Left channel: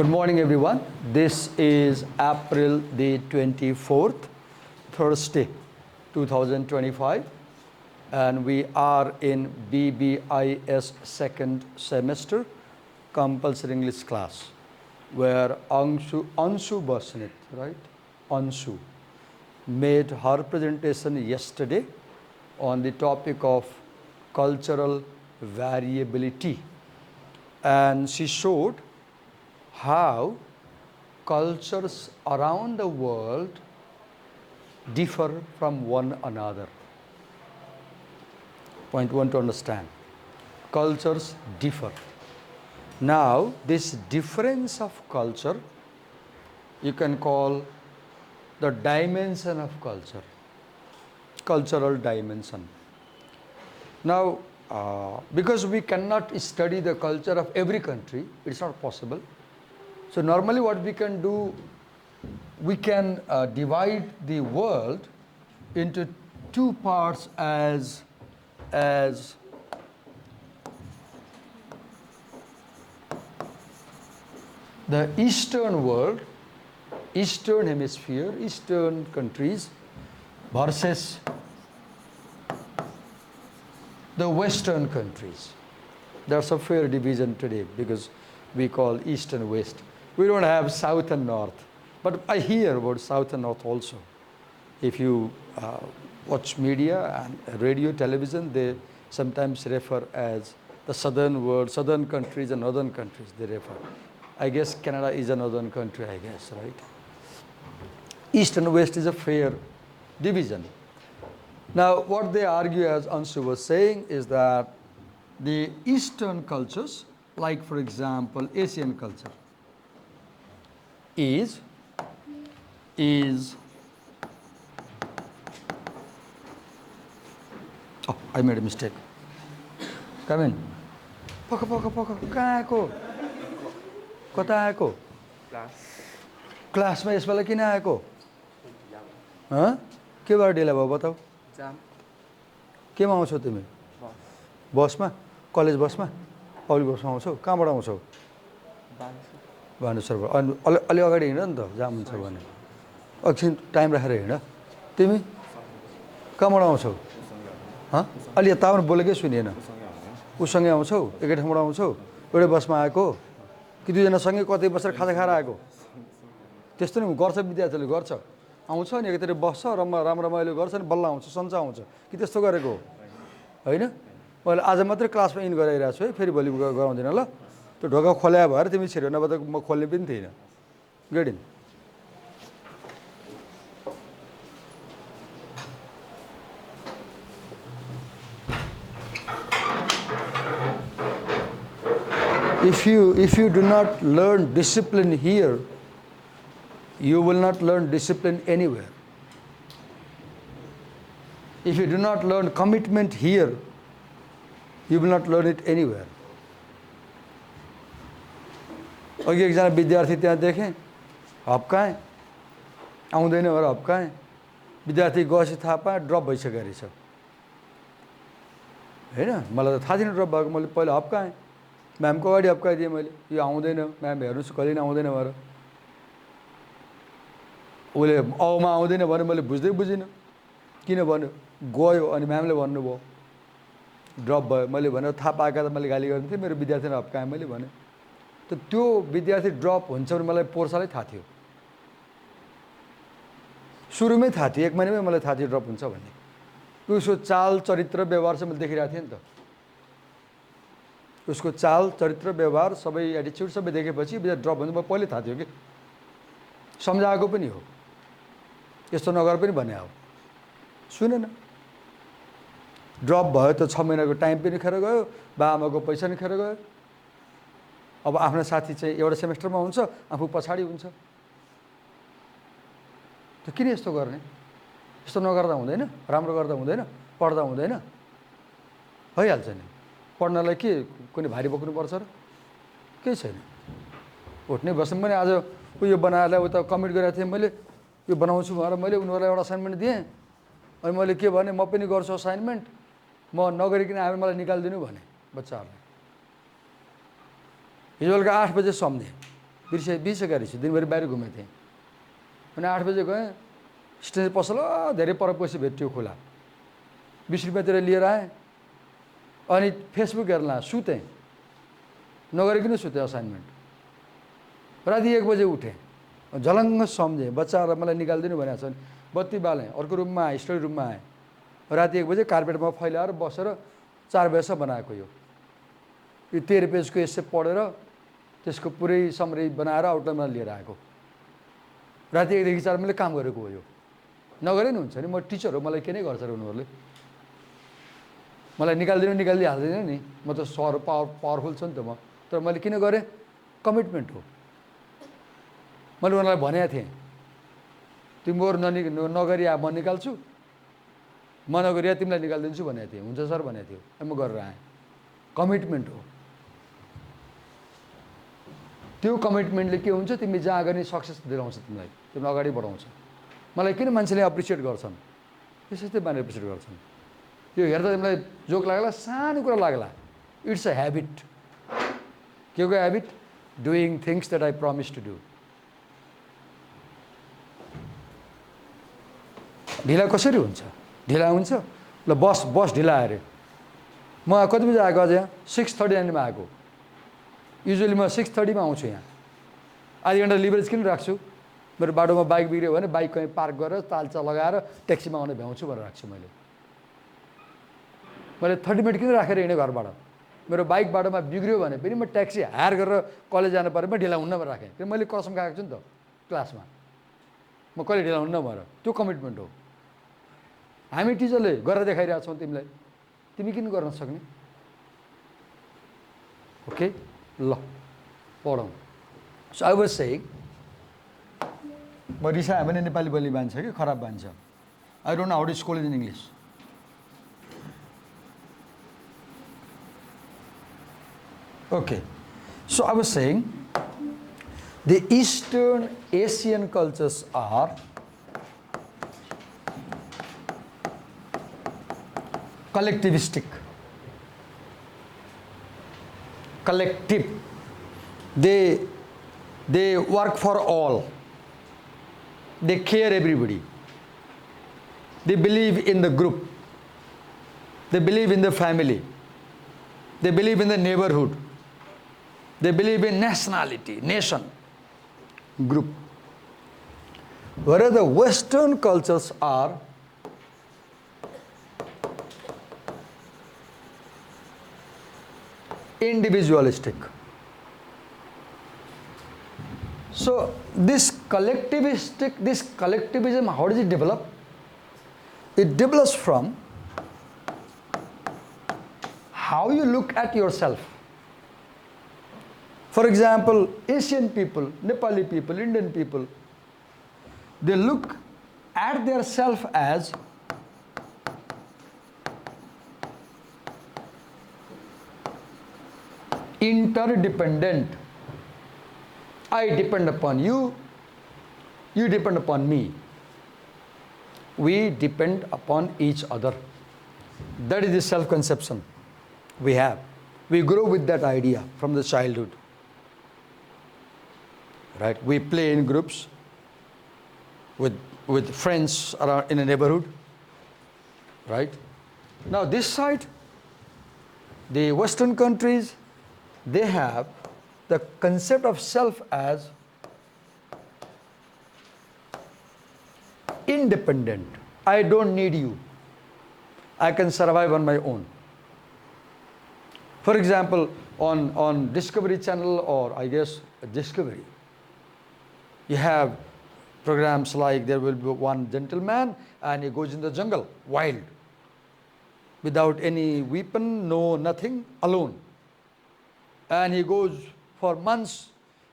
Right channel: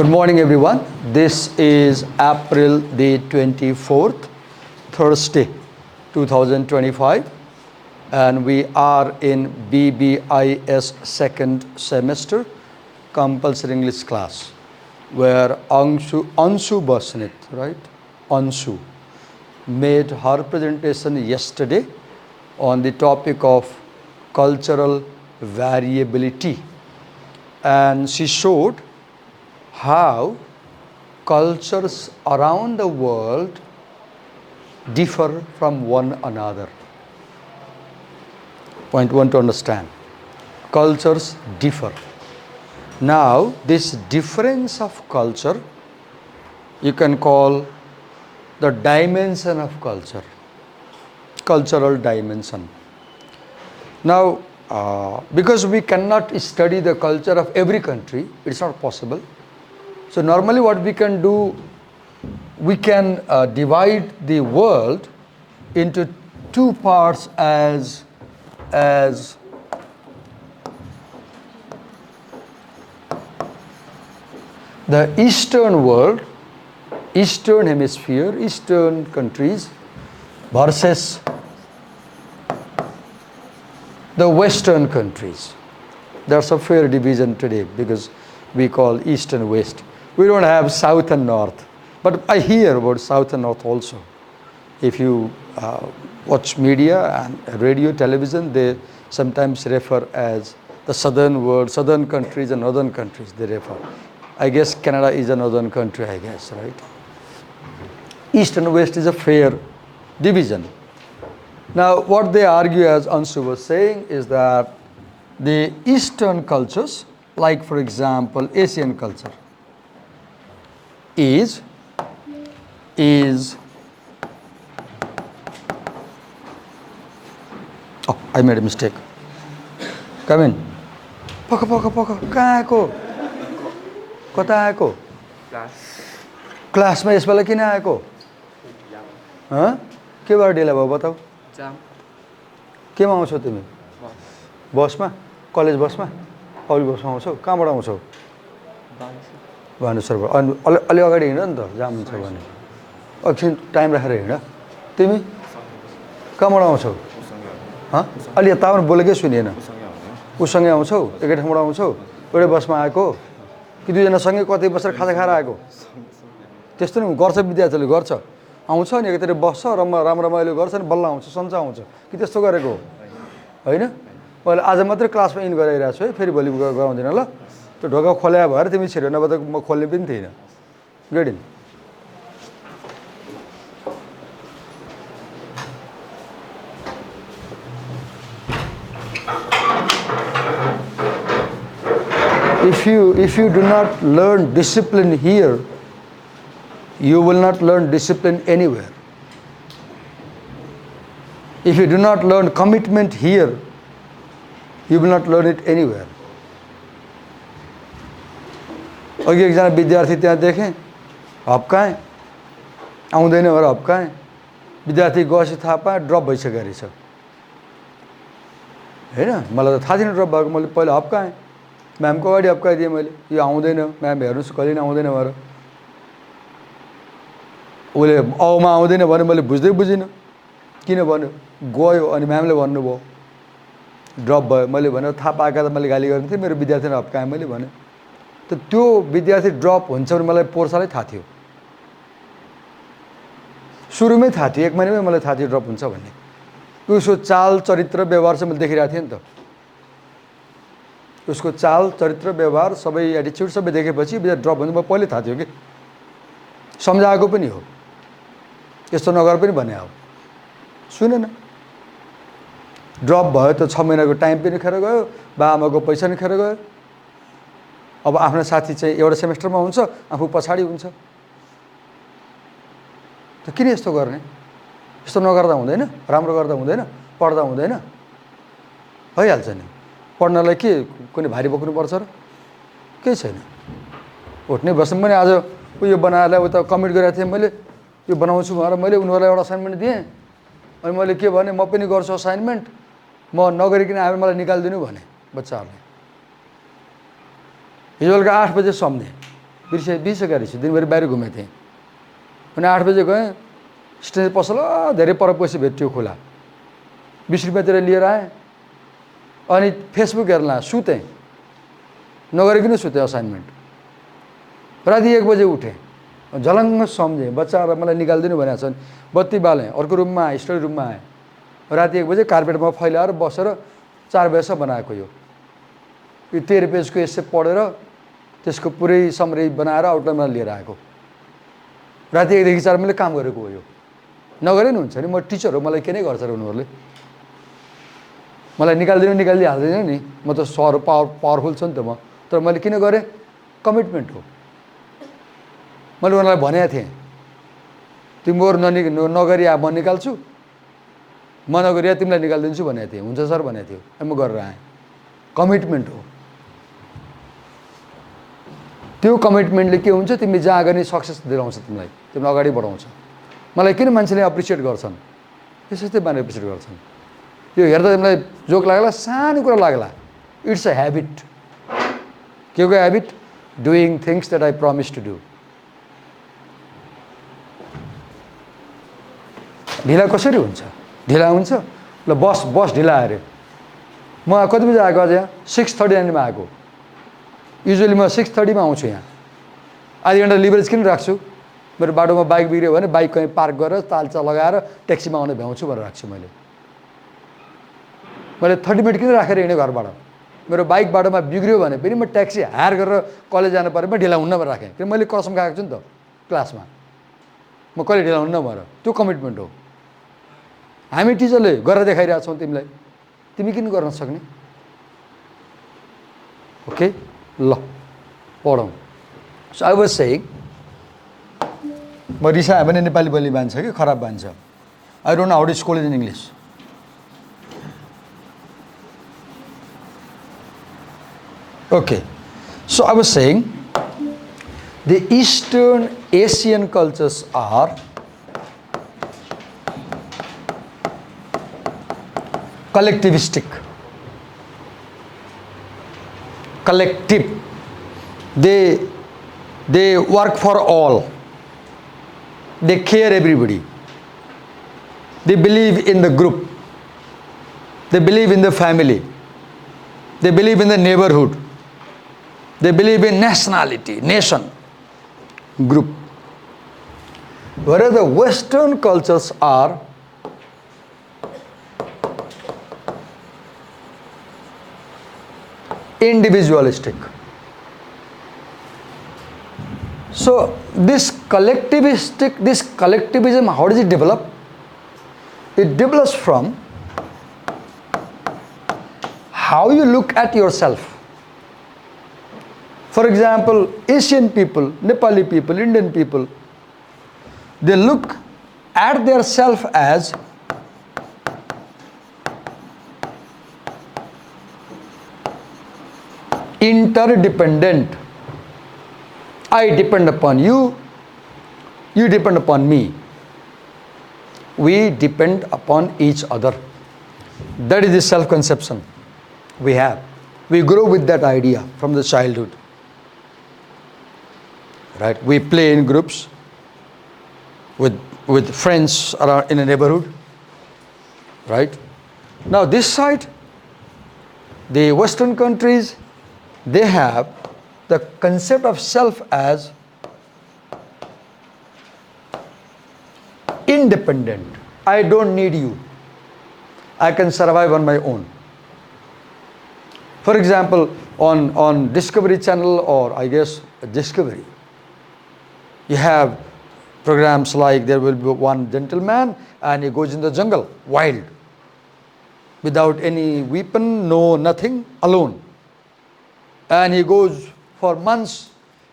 Good morning, everyone. This is April the 24th, Thursday, 2025, and we are in BBIS second semester compulsory English class, where Anshu Basnit, right? Anshu made her presentation yesterday on the topic of cultural variability, and she showed how cultures around the world differ from one another. Point one to understand. Cultures differ. Now, this difference of culture, you can call the dimension of culture, cultural dimension. Now, because we cannot study the culture of every country, it's not possible. So normally what we can do, we can divide the world into two parts as the Eastern world, Eastern hemisphere, Eastern countries versus the Western countries. There's a fair division today because we call East and West. We don't have South and North, but I hear about South and North also. If you watch media and radio, television, they sometimes refer as the Southern world, Southern countries and Northern countries, they refer. I guess Canada is a Northern country, I guess, right? East and West is a fair division. Now, what they argue, as Anshu was saying, is that the Eastern cultures, like for example, Asian culture, is oh, I made a mistake. Come in. Paka. कहाँ आएको? कता आएको? क्लासमा यसपालि किन आएको? हँ? के भएर ढिला भयो बताऊ? केमा आउँछौ तिमी? बसमा? कलेज बसमा? पब्लिक बसमा आउँछौ? कहाँबाट आउँछौ? भानुसरबाट। अनि अलि अगाडि हिँड नि त, जाम हुन्छ भने। एकछिन टाइम राखेर हिँड। तिमी कहाँबाट आउँछौ? हँ? अलि यताबाट बोलेकै सुनिएन। उसँगै आउँछौ? एकै ठाउँबाट आउँछौ? एउटै बसमा आएको? कि दुईजना सँगै कतै बसेर खाजा खाएर आएको? त्यस्तो नि गर्छ, विद्यार्थीले गर्छ। आउँछ अनि एकैतिर बस्छ, रमाइलो गर्छ अनि बल्ल आउँछ, सन्चो आउँछ। कि त्यस्तो गरेको हो? होइन? मैले आज मात्रै क्लासमा इन गराइरहेको छु है, फेरि भोलि गराउँदिनँ ल। त्यो ढोका खोल्या भएर तिमी छिर्यो, नभए त म खोल्ने पनि थिइनँ। Get in. If you do not learn discipline here, you will not learn discipline anywhere. If you do not learn commitment here, you will not learn it anywhere. अघि एकजना विद्यार्थी त्यहाँ देखेँ, हप्काएँ, आउँदैन भनेर हप्काएँ। विद्यार्थी गएपछि थाहा पाएँ ड्रप भइसकेको रहेछ। होइन, मलाई त थाहा थिएन ड्रप भएको। मैले पहिला हप्काएँ, म्यामको अगाडि हप्काइदिएँ मैले, यो आउँदैन म्याम, हेर्नुहोस् कहिले पनि आउँदैन भनेर। उसले औमा आउँदैन भने मैले बुझिनँ किन भन्यो। गयो अनि म्यामले भन्नुभयो ड्रप भयो। मैले भने थाहा पाएका त मैले गाली गर्ने थिएँ, मेरो विद्यार्थीले हप्काएँ मैले भने। त त्यो विद्यार्थी ड्रप हुन्छ भने मलाई पोर्सालै थाहा थियो, सुरुमै थाहा थियो, 1 महिनामै मलाई थाहा थियो ड्रप हुन्छ भन्ने। उसको चाल चरित्र व्यवहार चाहिँ मैले देखिरहेको थिएँ नि त। उसको चाल चरित्र व्यवहार सबै एटिच्युड सबै देखेपछि विद्यार्थी ड्रप हुन्छ, मलाई पहिल्यै थाहा थियो कि। सम्झाएको पनि हो, यस्तो नगर पनि भने हो, सुनेन। ड्रप भयो त 6 महिनाको टाइम पनि खेर गयो, बाआमाको पैसा पनि खेर गयो। अब आफ्नो साथी चाहिँ एउटा सेमेस्टरमा हुन्छ, आफू पछाडि हुन्छ। त किन यस्तो गर्ने? यस्तो नगर्दा हुँदैन? राम्रो गर्दा हुँदैन? पढ्दा हुँदैन? भइहाल्छ नि। पढ्नलाई के कुनै भारी बोक्नुपर्छ र? केही छैन। उठ्ने बस्ने पनि आज उयो बनाएर उता कमिट गरेको थिएँ मैले, यो बनाउँछु भनेर मैले उनीहरूलाई एउटा असाइनमेन्ट दिएँ। अनि मैले के भने, म पनि गर्छु असाइनमेन्ट, म नगरिकन आएर मलाई निकालिदिनु भने बच्चाहरूले। हिजो बेलुका 8 बजे सम्झेँ, बिर्सिसकेको रहेछ दिनभरि बाहिर घुमेको थिएँ अनि 8 बजे गएँ स्टेसन पसल धेरै पर पछि भेट्यो खोला 20 रुपियाँतिर लिएर आएँ अनि फेसबुक हेर्न सुतेँ नगरिकन सुतेँ असाइनमेन्ट राति 1 बजे उठेँ झलङ्ग सम्झेँ बच्चाहरूलाई मलाई निकालिदिनु भनेको छ बत्ती बालेँ अर्को रुममा आएँ स्टडी रुममा आएँ राति 1 बजे कार्पेटमा फैलाएर बसेर 4 बजेसम्म बनाएको यो 13 पेजको एसे पढेर त्यसको पुरै समरी बनाएर आउटलाइनमा लिएर आएको राति 1 देखि 4 मैले काम गरेको हो यो नगरे नि हुन्छ नि म टिचर हो मलाई के नै गर्छ र उनीहरूले मलाई निकालिदिहाल्दैन नि म त पावरफुल छु नि त म तर मैले किन गरेँ कमिटमेन्ट हो मैले उनीहरूलाई भनेको थिएँ तिमीहरू नगरी म निकाल्छु म नगरी तिमीलाई निकालिदिन्छु भनेको थिएँ हुन्छ सर भनेको थियो म गरेर आएँ कमिटमेन्ट हो त्यो कमिटमेन्टले के हुन्छ तिमी जहाँ गर्ने सक्सेस दिलाउँछ तिमीलाई अगाडि बढाउँछ मलाई किन मान्छेले एप्रिसिएट गर्छन् त्यसै मान्छे एप्रिसिएट गर्छन् यो हेर्दा तिमीलाई जोक लाग्ला सानो कुरा लाग्ला इट्स अ ह्याबिट के को habit doing things that I promise to do ढिला कसरी हुन्छ ढिला हुन्छ ल बस ढिला अरे म कति बजी आएको अझ यहाँ 6:30 मा आएको युजली म 6:30 मा आउँछु यहाँ आधी घन्टा लिभरेज किन राख्छु मेरो बाटोमा बाइक बिग्रियो भने बाइक कहीँ पार्क गरेर तालचा लगाएर ट्याक्सीमा आउने भ्याउँछु भनेर राख्छु मैले 30 मिनट किन राखेर हिँडेँ घरबाट मेरो बाइक बाटोमा बिग्रियो भने पनि म ट्याक्सी हायर गरेर कलेज जानु पऱ्यो म ढिला हुन्न भनेर राखेँ किन मैले कसम खाएको छु नि त क्लासमा म कहिले ढिला हुन्न भनेर त्यो कमिटमेन्ट हो हामी टिचरले गरेर देखाइरहेको छौँ तिमीलाई तिमी किन गर्न सक्ने ओके ल पढौँ सो आई वाज सेइङ म रिसाएँ भने नेपाली बोली मान्छ कि खराब मान्छ I don't know how to school in English okay so I was saying the Eastern Asian cultures are collectivistic collective they work for all they care everybody they believe in the group they believe in the family they believe in the neighborhood they believe in nationality nation group whereas the Western cultures are individualistic. So this collectivism, how does it develop? It develops from how you look at yourself. For example, Asian people, Nepali people, Indian people, they look at their self as interdependent. I depend upon you, you depend upon me. We depend upon each other. That is the self-conception we have. We grow with that idea from the childhood. Right? We play in groups with friends around in a neighborhood. Right? Now this side, the Western countries, they have the concept of self as independent. I don't need you. I can survive on my own. For example, on Discovery Channel or I guess Discovery, you have programs like there will be one gentleman and he goes in the jungle, wild, without any weapon, no nothing, alone. And he goes for months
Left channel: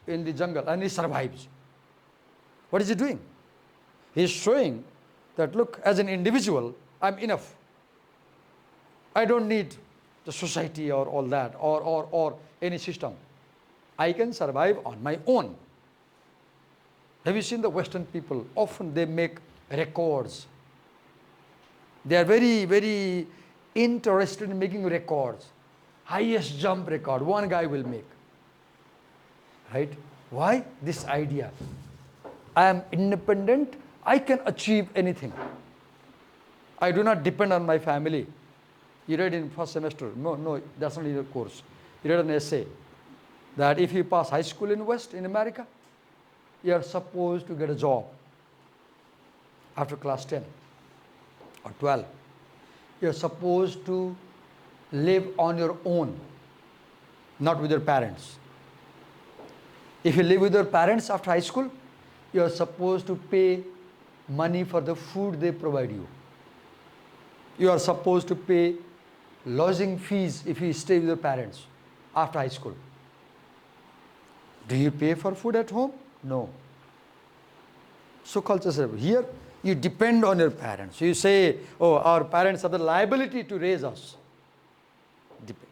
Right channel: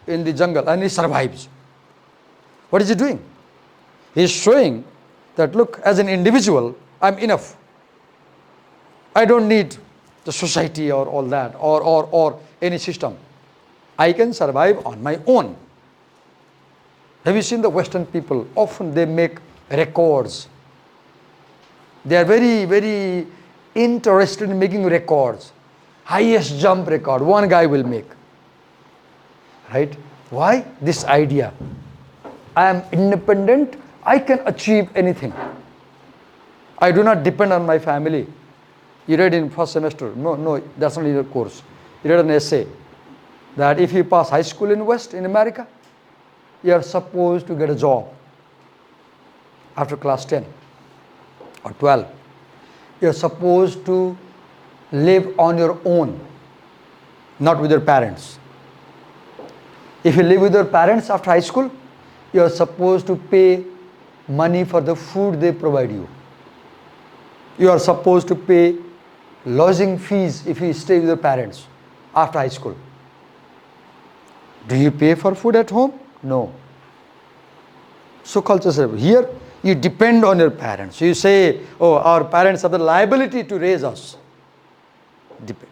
in the jungle and he survives. What is he doing? He is showing that, look, as an individual, I'm enough. I don't need the society or all that or any system. I can survive on my own. Have you seen the Western people? Often they make records. They are very, very interested in making records. Highest jump record, one guy will make. Right? Why? This idea. I am independent, I can achieve anything. I do not depend on my family. You read in first semester, no, that's not in the course. You read an essay that if you pass high school in West, in America, you are supposed to get a job after class 10 or 12. You are supposed to live on your own, not with your parents. If you live with your parents after high school, you are supposed to pay money for the food they provide you. You are supposed to pay lodging fees if you stay with your parents after high school. Do you pay for food at home? No. So culture says, here you depend on your parents. You say, oh, our parents have the liability to raise us.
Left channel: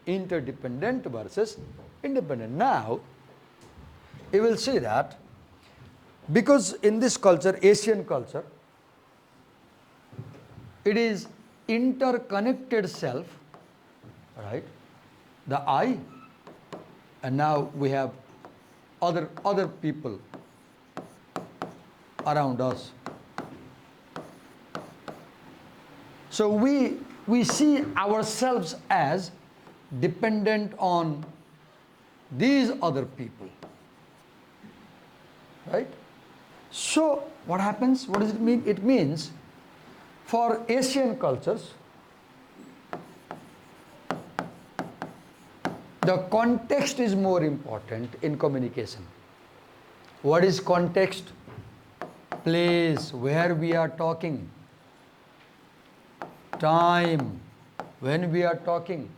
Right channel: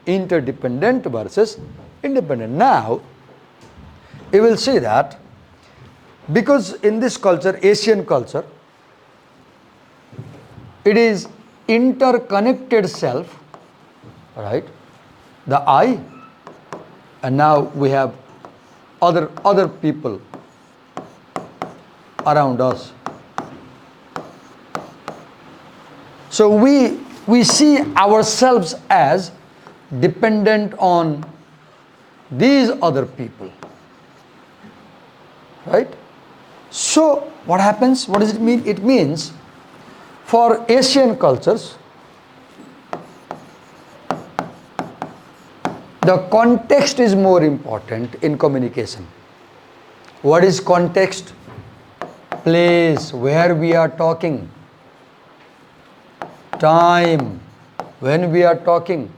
Interdependent versus independent. Now, you will see that because in this culture, Asian culture, it is interconnected self, right? The I, and now we have other people around us. So we see ourselves as dependent on these other people, right? So what happens? What does it mean? It means for Asian cultures, the context is more important in communication. What is context? Place, where we are talking. Time, when we are talking.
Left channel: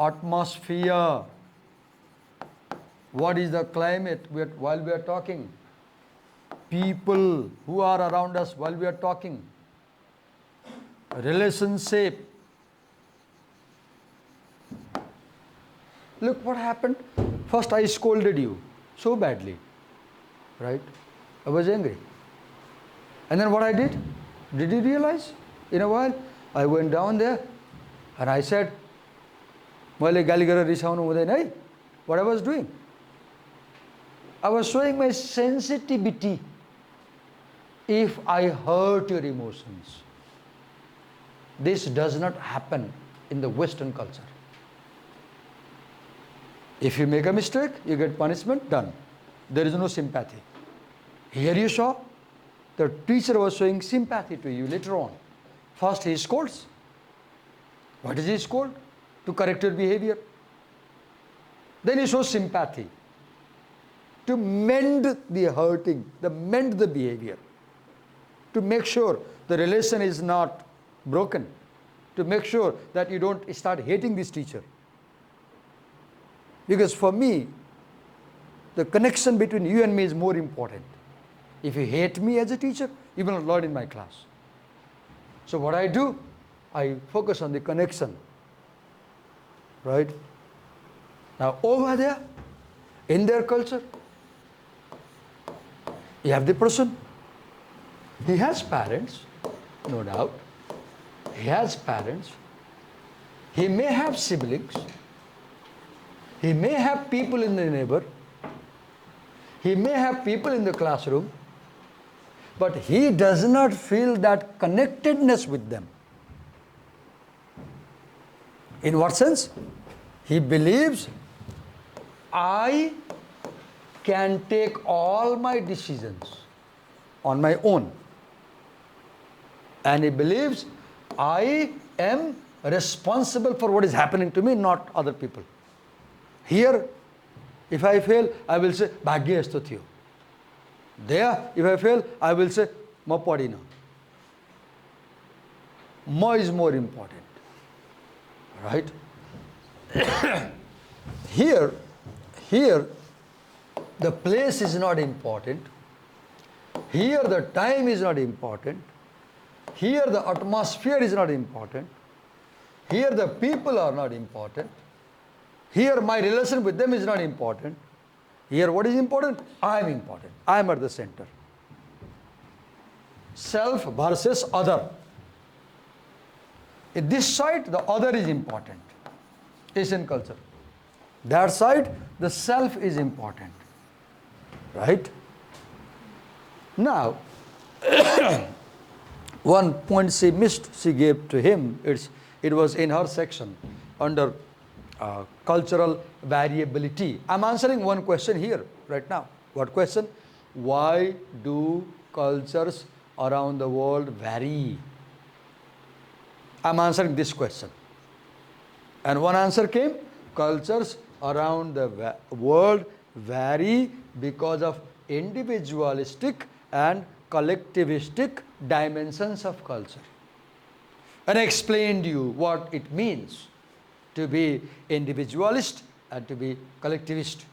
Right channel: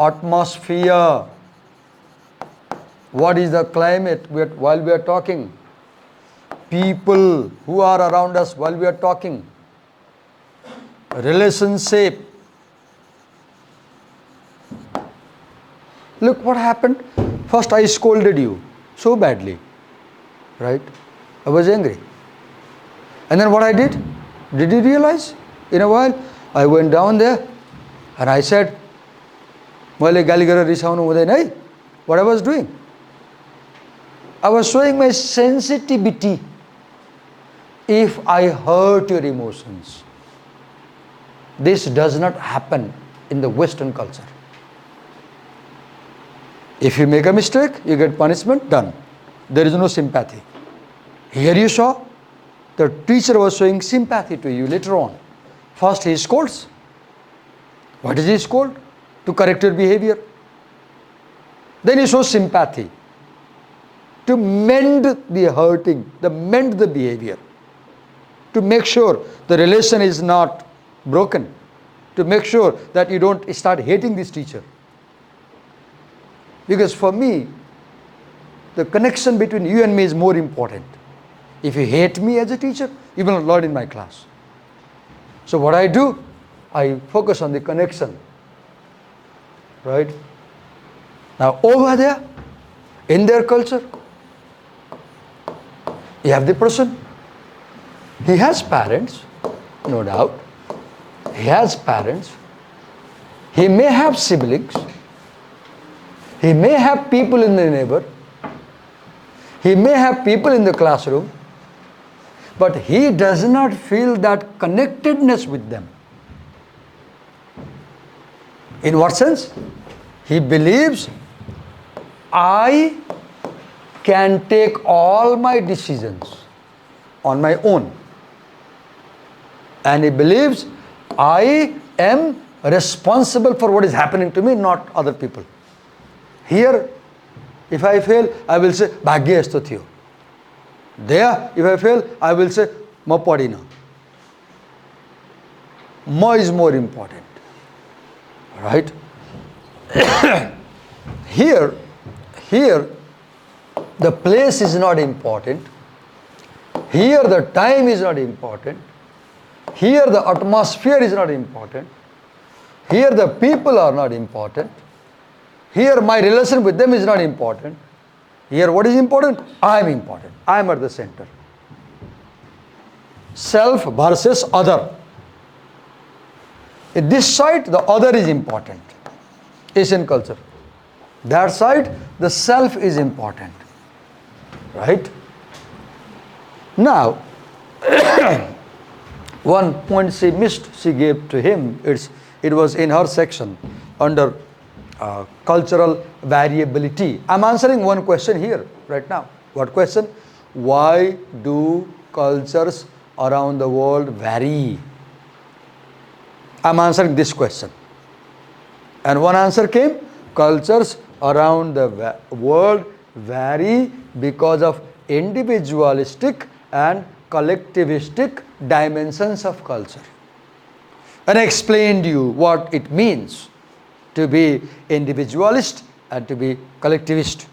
Atmosphere. What is the climate while we are talking? People who are around us while we are talking. Relationship. Look what happened. First I scolded you so badly, right? I was angry. And then what I did? Did you realize? In a while, I went down there and I said, what I was doing? I was showing my sensitivity if I hurt your emotions. This does not happen in the Western culture. If you make a mistake, you get punishment, done. There is no sympathy. Here you saw, the teacher was showing sympathy to you later on. First he scolds. What does he scold? To correct your behavior. Then he shows sympathy. To mend the hurting, mend the behavior. To make sure the relation is not broken. To make sure that you don't start hating this teacher. Because for me, the connection between you and me is more important. If you hate me as a teacher, you will not learn in my class. So what I do, I focus on the connection. Right? Now over there, in their culture, you have the person. He has parents, no doubt. He has parents. He may have siblings. He may have people in the neighbor. He may have people in the classroom. But he does not feel that connectedness with them. In what sense? He believes, I can take all my decisions on my own. And he believes, I am responsible for what is happening to me, not other people. Here, if I fail, I will say, Bhagya esto thiyo. There, if I fail, I will say, Ma padina. Ma is more important. Right? Here, the place is not important. Here, the time is not important. Here, the atmosphere is not important. Here, the people are not important. Here, my relation with them is not important. Here, what is important? I am important. I am at the center. Self versus other. In this side, the other is important. Asian culture. That side, the self is important. right? Now, one point she missed, she gave to him, it was in her section under cultural variability. I'm answering one question here right now. What question? Why do cultures around the world vary? I'm answering this question. And one answer came, cultures around the world vary because of individualistic and collectivistic dimensions of culture. And I explained to you what it means to be individualist and to be collectivist.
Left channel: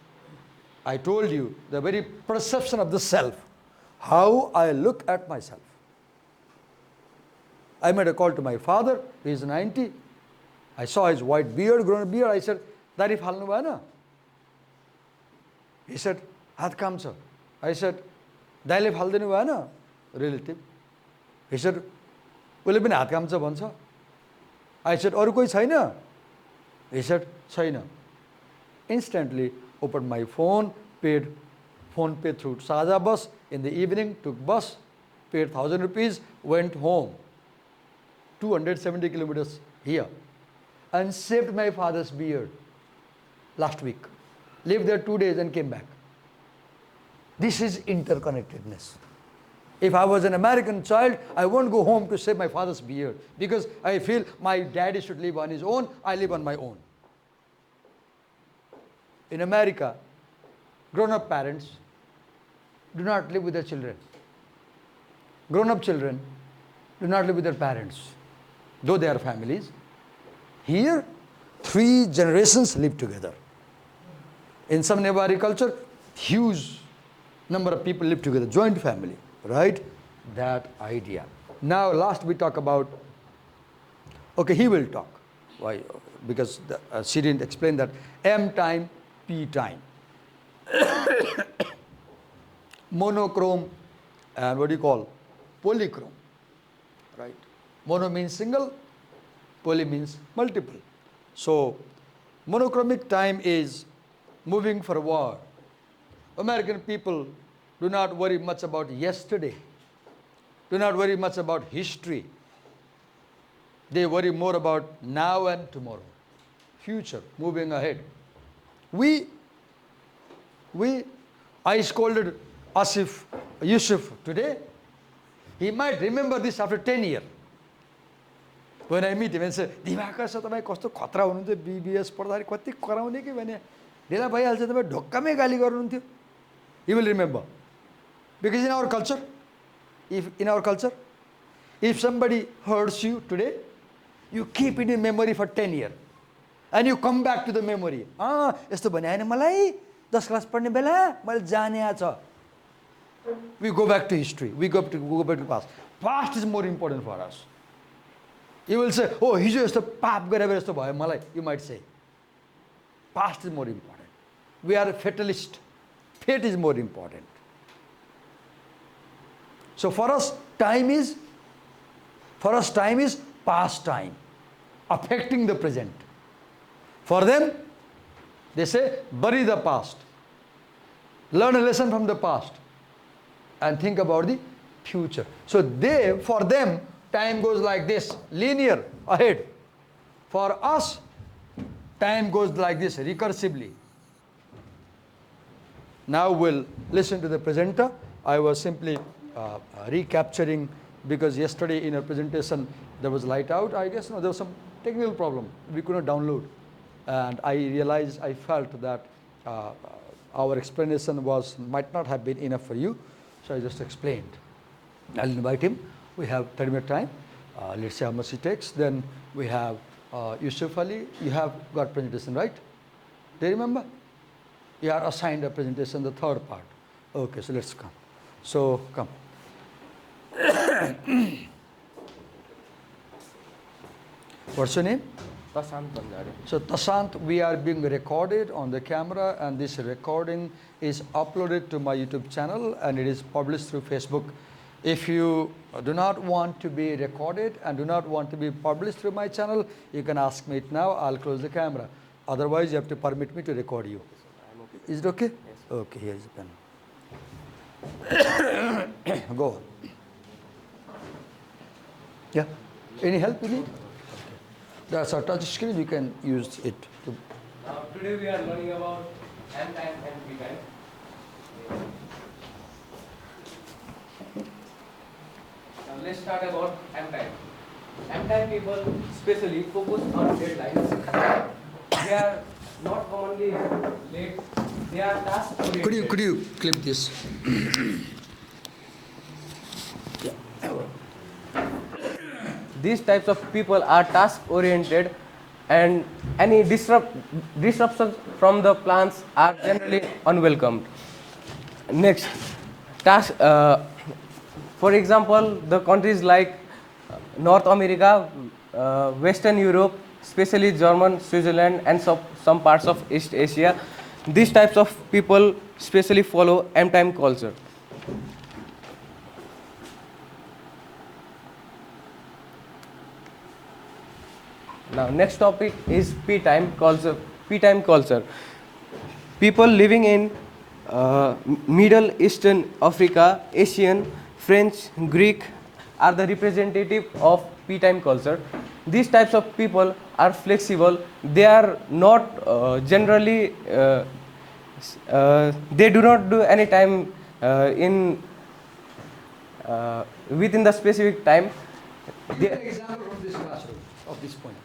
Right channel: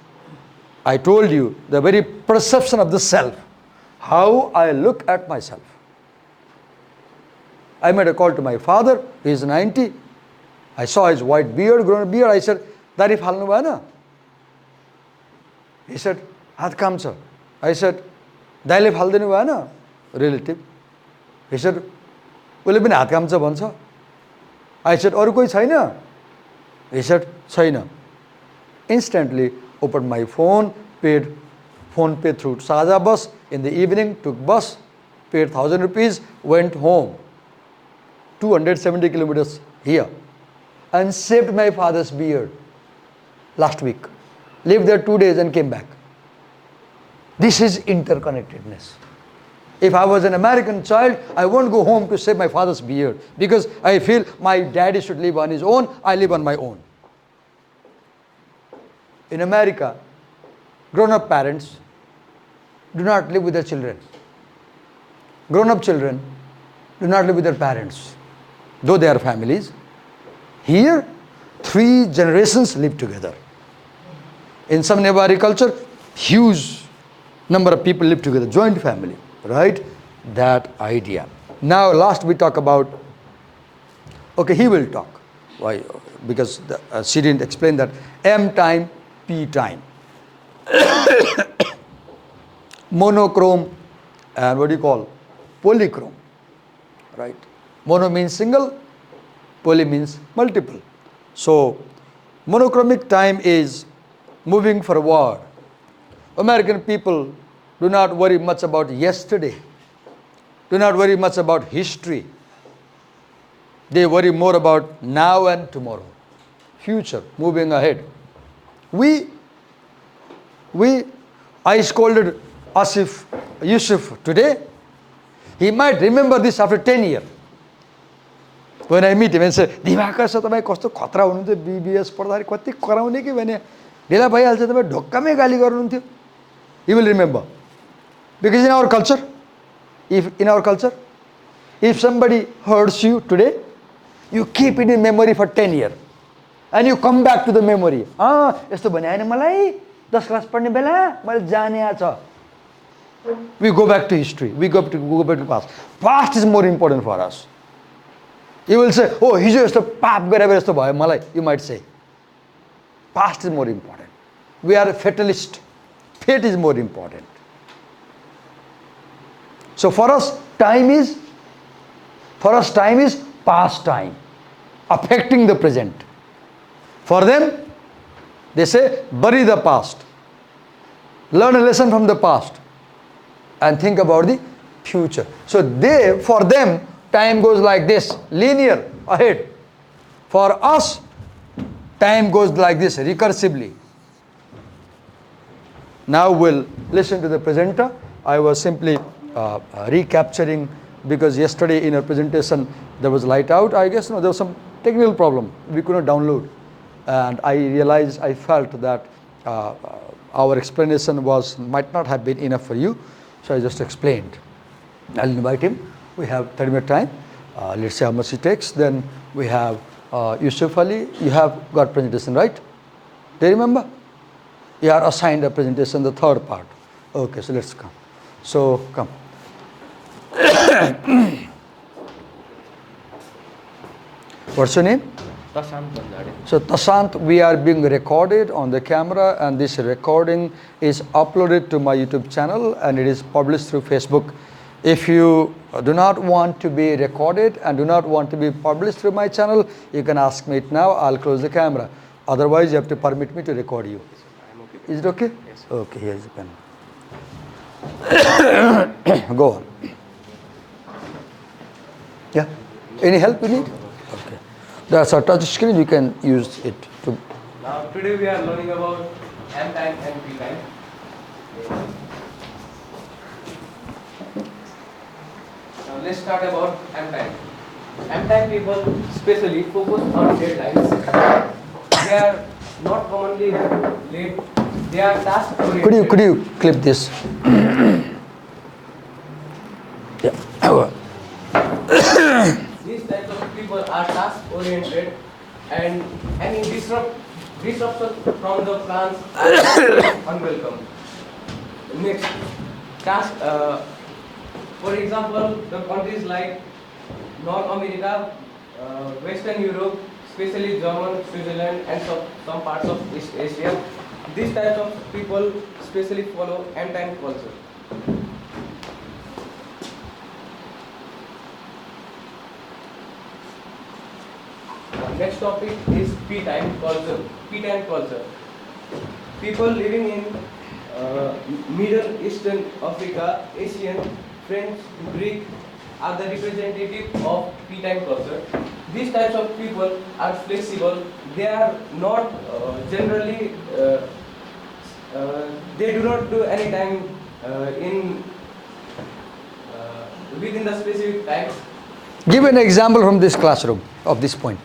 I told you the very perception of the self, how I look at myself. I made a call to my father, he is 90. I saw his white beard, grown beard. I said, "Dari phalnu bhayena?" He said, "Hath kamcha." I said, "Daile phaldenu bhayena?" Relative. He said, "Ule pani hath kamcha bhancha." I said, "Aru koi chaina?" He said, "Chaina." Instantly opened my phone, paid phone pay through Saja bus. In the evening, took bus, paid 1,000 rupees, went home. 270 kilometers here. And saved my father's beard last week. Lived there 2 days and came back. This is interconnectedness. If I was an American child, I won't go home to save my father's beard because I feel my daddy should live on his own, I live on my own. In America, grown-up parents do not live with their children. Grown-up children do not live with their parents, though they are families. Here, 3 generations live together. In some Nepali culture, huge number of people live together, joint family, right? That idea. Now, last we talk about, okay, he will talk. Why? Because she didn't explain that M time, P time. Monochrome and what do you call? Polychrome, right? Mono means single, poly means multiple. So, monochromic time is moving forward. American people do not worry much about yesterday, do not worry much about history. They worry more about now and tomorrow, future, moving ahead. I scolded Yusuf today. He might remember this after 10 years. When I meet him and say, "Divakar sir, तपाईं कस्तो खतरा हुनुहुन्थ्यो BBIS पढ्दाखेरि कति कराउने के भने ढिला भइहाल्छ तपाईं ढोक्कामै गाली गर्नुहुन्थ्यो." He will remember. Because in our culture, if somebody hurts you today, you keep it in memory for 10 years. And you come back to the memory. यस्तो भने हैन मलाई 10 क्लास पढ्ने बेला मैले जाने छ. We go back to history. We go back to past. Past is more important for us. You will say, "Oh, हिजो यस्तो पाप गरेर यस्तो भयो मलाई." You might say. Past is more important. We are a fatalist. Fate is more important. So for us, time is past time, affecting the present. For them, they say, bury the past. Learn a lesson from the past and think about the future. So for them, time goes like this, linear, ahead. For us, time goes like this, recursively. Now we'll listen to the presenter. I was simply recapturing because yesterday in a presentation there was light out. I guess there was some technical problem. We could not download. And I felt that our explanation might not have been enough for you. So I just explained. I'll invite him. We have 30-minute time. Let's see how much it takes. Then we have Yusuf Ali. You have got presentation, right? Do you remember? You are assigned a presentation, the third part. Okay, so let's come. So come. What's your name? So Tasant, we are being recorded on the camera, and this recording is uploaded to my YouTube channel and it is published through Facebook. If you do not want to be recorded and do not want to be published through my channel, you can ask me it now. I'll close the camera. Otherwise, you have to permit me to record you. Is it okay? Yes. Okay, here is a pen. Go on. Yeah. Any help you need? Okay. That's a touch screen. You can use it to. Now today we are learning about M time and P time. Now let's start about M time. M time people especially focus on deadlines. They are not commonly late. They are task oriented. Could you clip this? Yeah. These types of people are task oriented, and any disruption from the plans are unwelcome. Next, task. For example, the countries like North America, Western Europe, especially German, Switzerland, and some parts of East Asia, these types of people especially follow M-time culture. Now, next topic is P-time culture. P-time culture. People living in Middle Eastern, Africa, Asian, French, Greek are the representative of P-time culture. These types of people are flexible. They are not generally. They do not do any time in within the specific time. Give an example from this classroom of this point.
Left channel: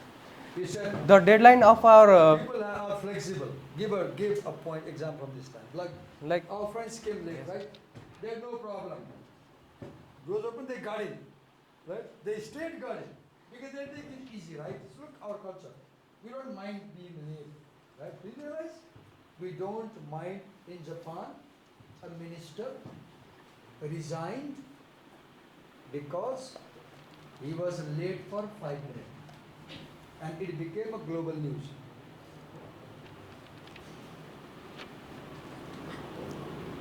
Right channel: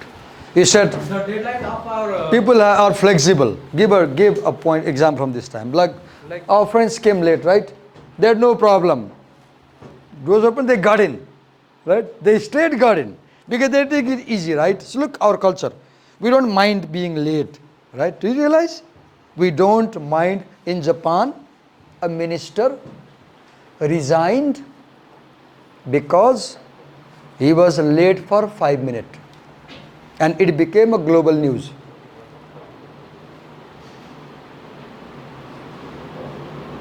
You said The deadline of our people are flexible. Give a point example from this time. Like our friends came late, right? They had no problem. Doors open, they got in, right? They straight got in because they take it easy, right? So look, our culture, we don't mind being late, right? Do you realize? We don't mind. In Japan, a minister resigned because he was late for 5 minutes. And it became a global news.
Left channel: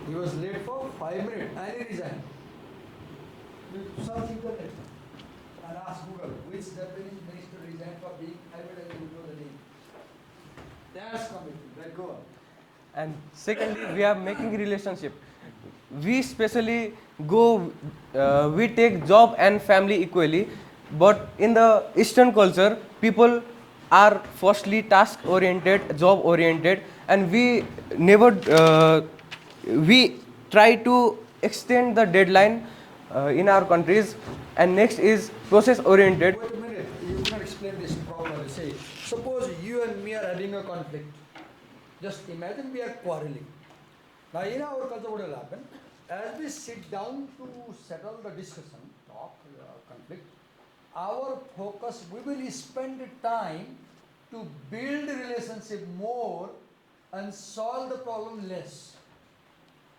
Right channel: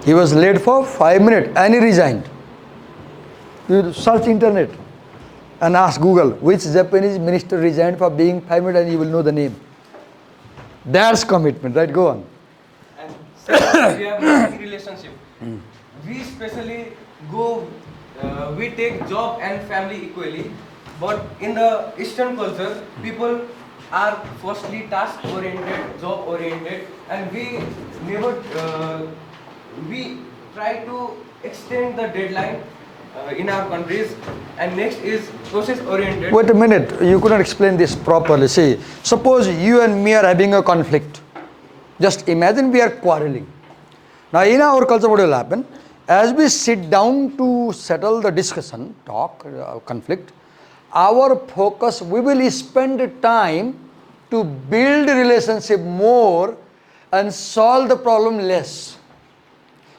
He was late for 5 minutes and he resigned. You search internet and ask Google which Japanese minister resigned for being 5 minutes and you will know the name. That's commitment, right? Go on. And second, we have working relationship. We especially go, we take job and family equally. But in the Eastern culture, people are firstly task oriented, job oriented, and we never we try to extend the deadline in our countries. And next is process oriented. Wait a minute, you couldn't explain this properly. See, suppose you and me are having a conflict. Just imagine we are quarreling. Now in our culture what will happen? As we sit down to settle the discussion, talk, conflict, our focus, we will spend time to build relationship more and solve the problem less.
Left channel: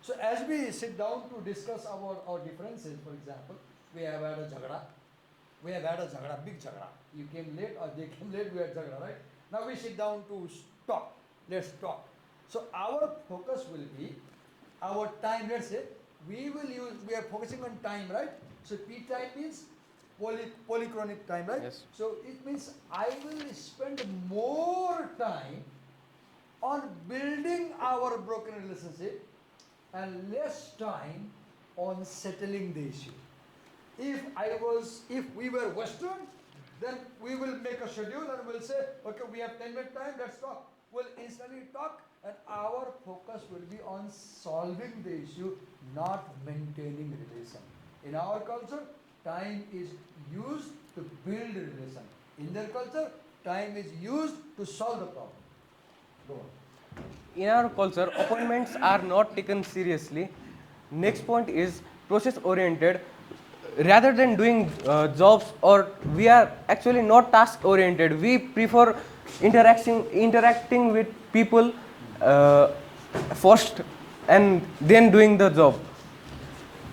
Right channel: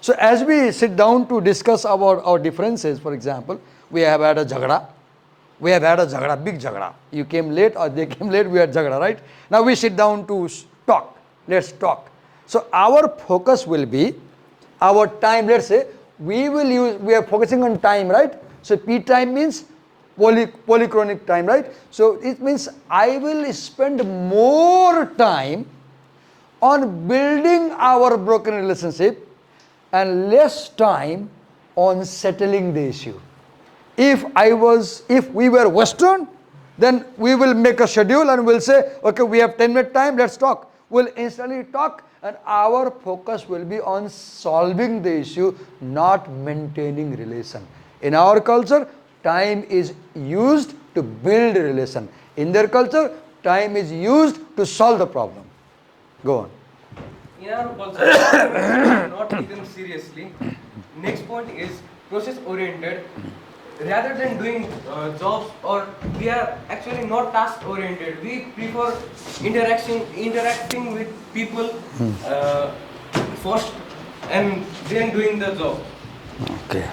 So as we sit down to discuss about our differences, for example, we have had a jagda. We have had a jagda, big jagda. You came late or they came late, we had jagda, right? Now we sit down to talk. Let's talk. So our focus will be, our time, let's say, we are focusing on time, right? So P time means polychronic time, right? So it means I will spend more time on building our broken relationship and less time on settling the issue. If we were Western, then we will make a schedule and we'll say, okay, we have 10-minute time, let's talk. We'll instantly talk and our focus will be on solving the issue, not maintaining relation. In our culture, time is used to build a relation. In their culture, time is used to solve the problem. Go on. In our culture, arguments are not taken seriously. Next point is process oriented. Rather than doing jobs, or we are actually not task oriented. We prefer interacting with people first and then doing the job. Okay.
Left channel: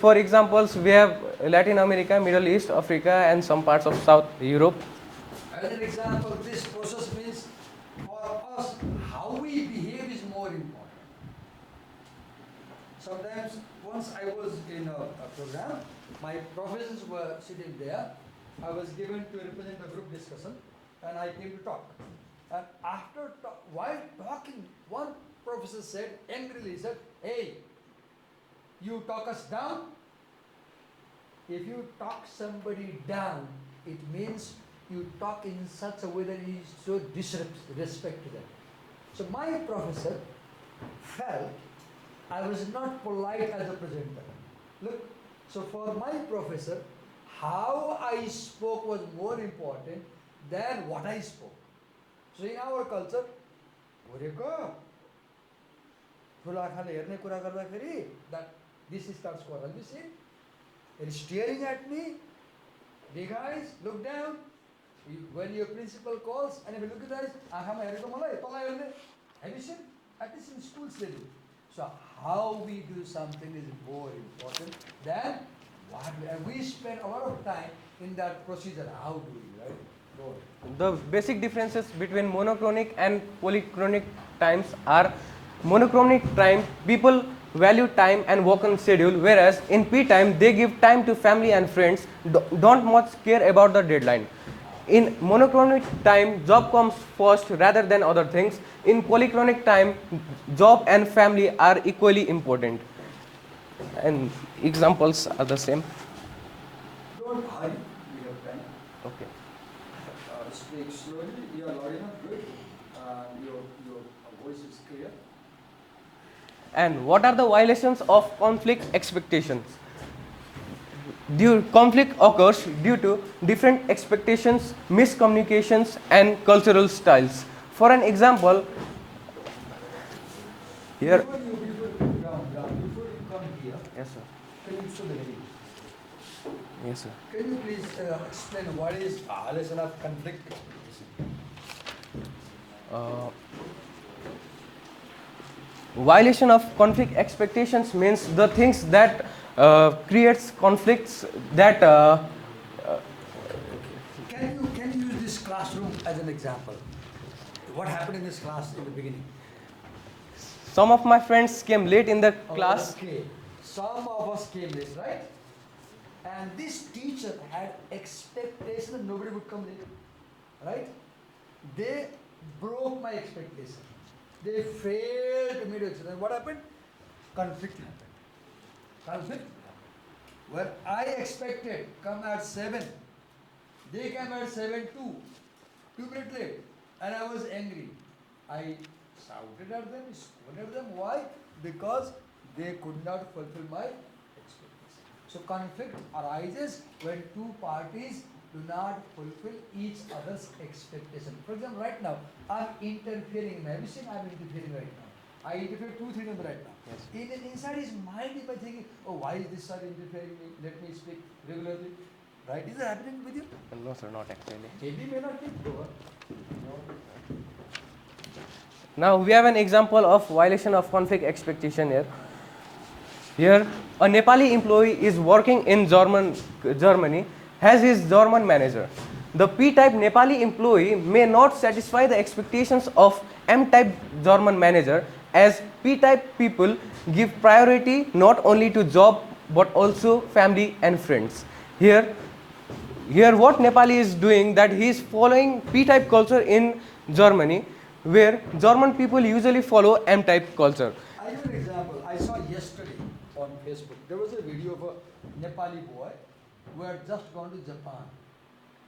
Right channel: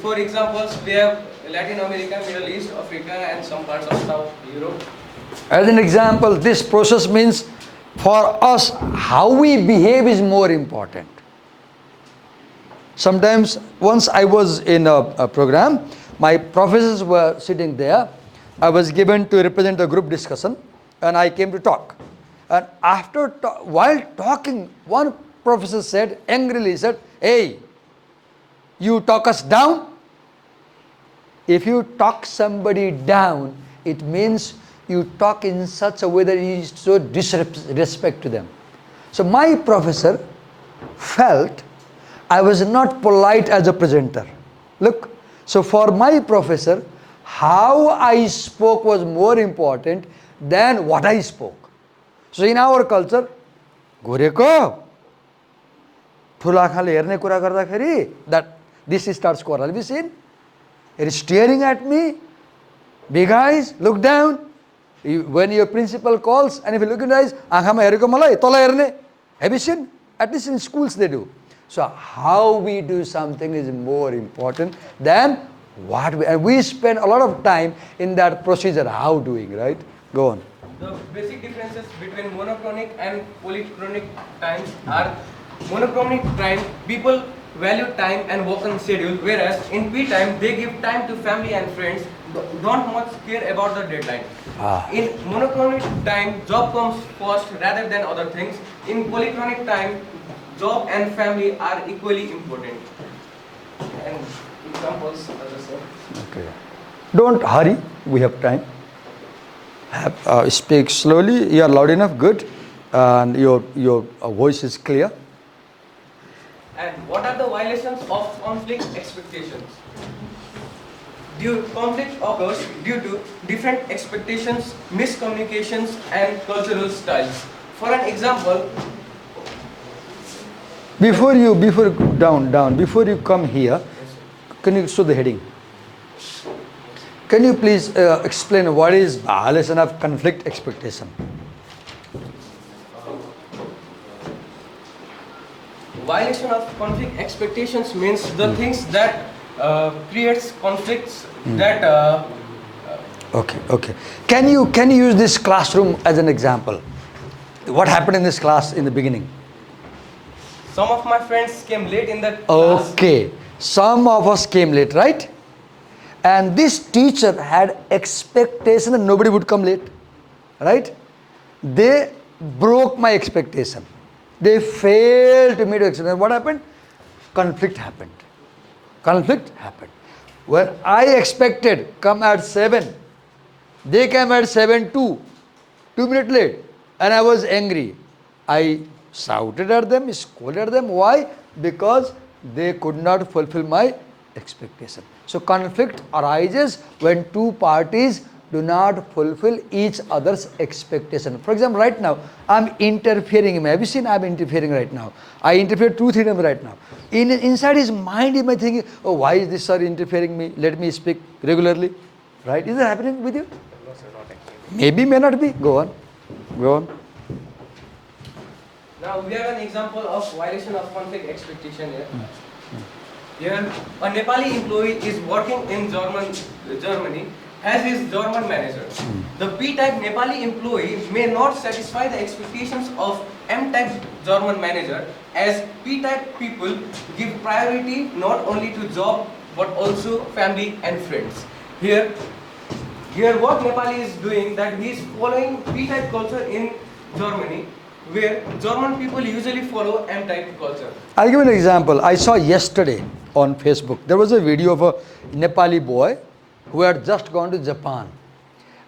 For examples, we have Latin America, Middle East, Africa, and some parts of South Europe. As an example, this process means for us, how we behave is more important. Sometimes, once I was in a program, my professors were sitting there. I was given to represent a group discussion, and I came to talk. And while talking, one professor said, angrily said, "Hey, You talk us down. If you talk somebody down, it means you talk in such a way that you show disrespect to them. So my professor felt I was not polite as a presenter. Look, so for my professor, how I spoke was more important than what I spoke. So in our culture, घुरेको ठुलो आँखाले हेर्ने कुरा गर्दाखेरि that this starts quarrel. Have you seen? It is staring at me. Big eyes, look down. When your principal calls, and if you look in the eyes, आँखामा हेरेको मलाई तल हेर्ने. Have you seen? At least in schools they do. So how we do something is more important than what we, and we spend a lot of time in that procedure, how doing, right? Go on. The basic differences between monochronic and polychronic times are monochronic time, people value time and work on schedule, whereas in P time they give time to family and friends, don't much care about the deadline. In monochronic time, job comes first rather than other things. In polychronic time, job and family are equally important. And examples are the same. Okay. Don't hurry, we have time. Speak slowly, you are loud enough, good. And your voice is clear. And what are the violations of conflict expectations? Conflict occurs due to different expectations, miscommunications, and cultural styles. For an example, before you come here, can you show the heading? Can you please explain what is violation of conflict expectation? Violation of conflict expectations means the things that creates conflicts that. Okay. Can you use this classroom as an example? What happened in this class in the beginning? Some of my friends came late in that class. Okay, some of us came late, right? And this teacher had expectation that nobody would come late, right? They broke my expectation. They failed to meet expectation. What happened? Conflict happened. When I expected come at 7, they came at 7:02, 2 minutes late, and I was angry. I shouted at them, scolded at them. Why? Because they could not fulfill my expectation. So conflict arises when two parties do not fulfill each other's expectation. For example, right now, I'm interfering. Have you seen I'm interfering right now? I interfered 2-3 times right now. Inside his mind, he might think, oh, why is this sir interfering me? Let me speak regularly. Right? Is that happening with you? No, sir, not actually. Maybe, may not be. Go on. Now we have an example of violation of conflict expectation here. Here, a Nepali employee is working in Germany, has his German manager. The P-type Nepali employee may not satisfy the expectations of M-type German manager, as P-type people give priority not only to job but also family and friends. Here what Nepali is doing, that he is following P-type culture in Germany, where German people usually follow M-type culture. I'll give you an example. I saw yesterday on Facebook, there was a video of a Nepali boy who had just gone to Japan,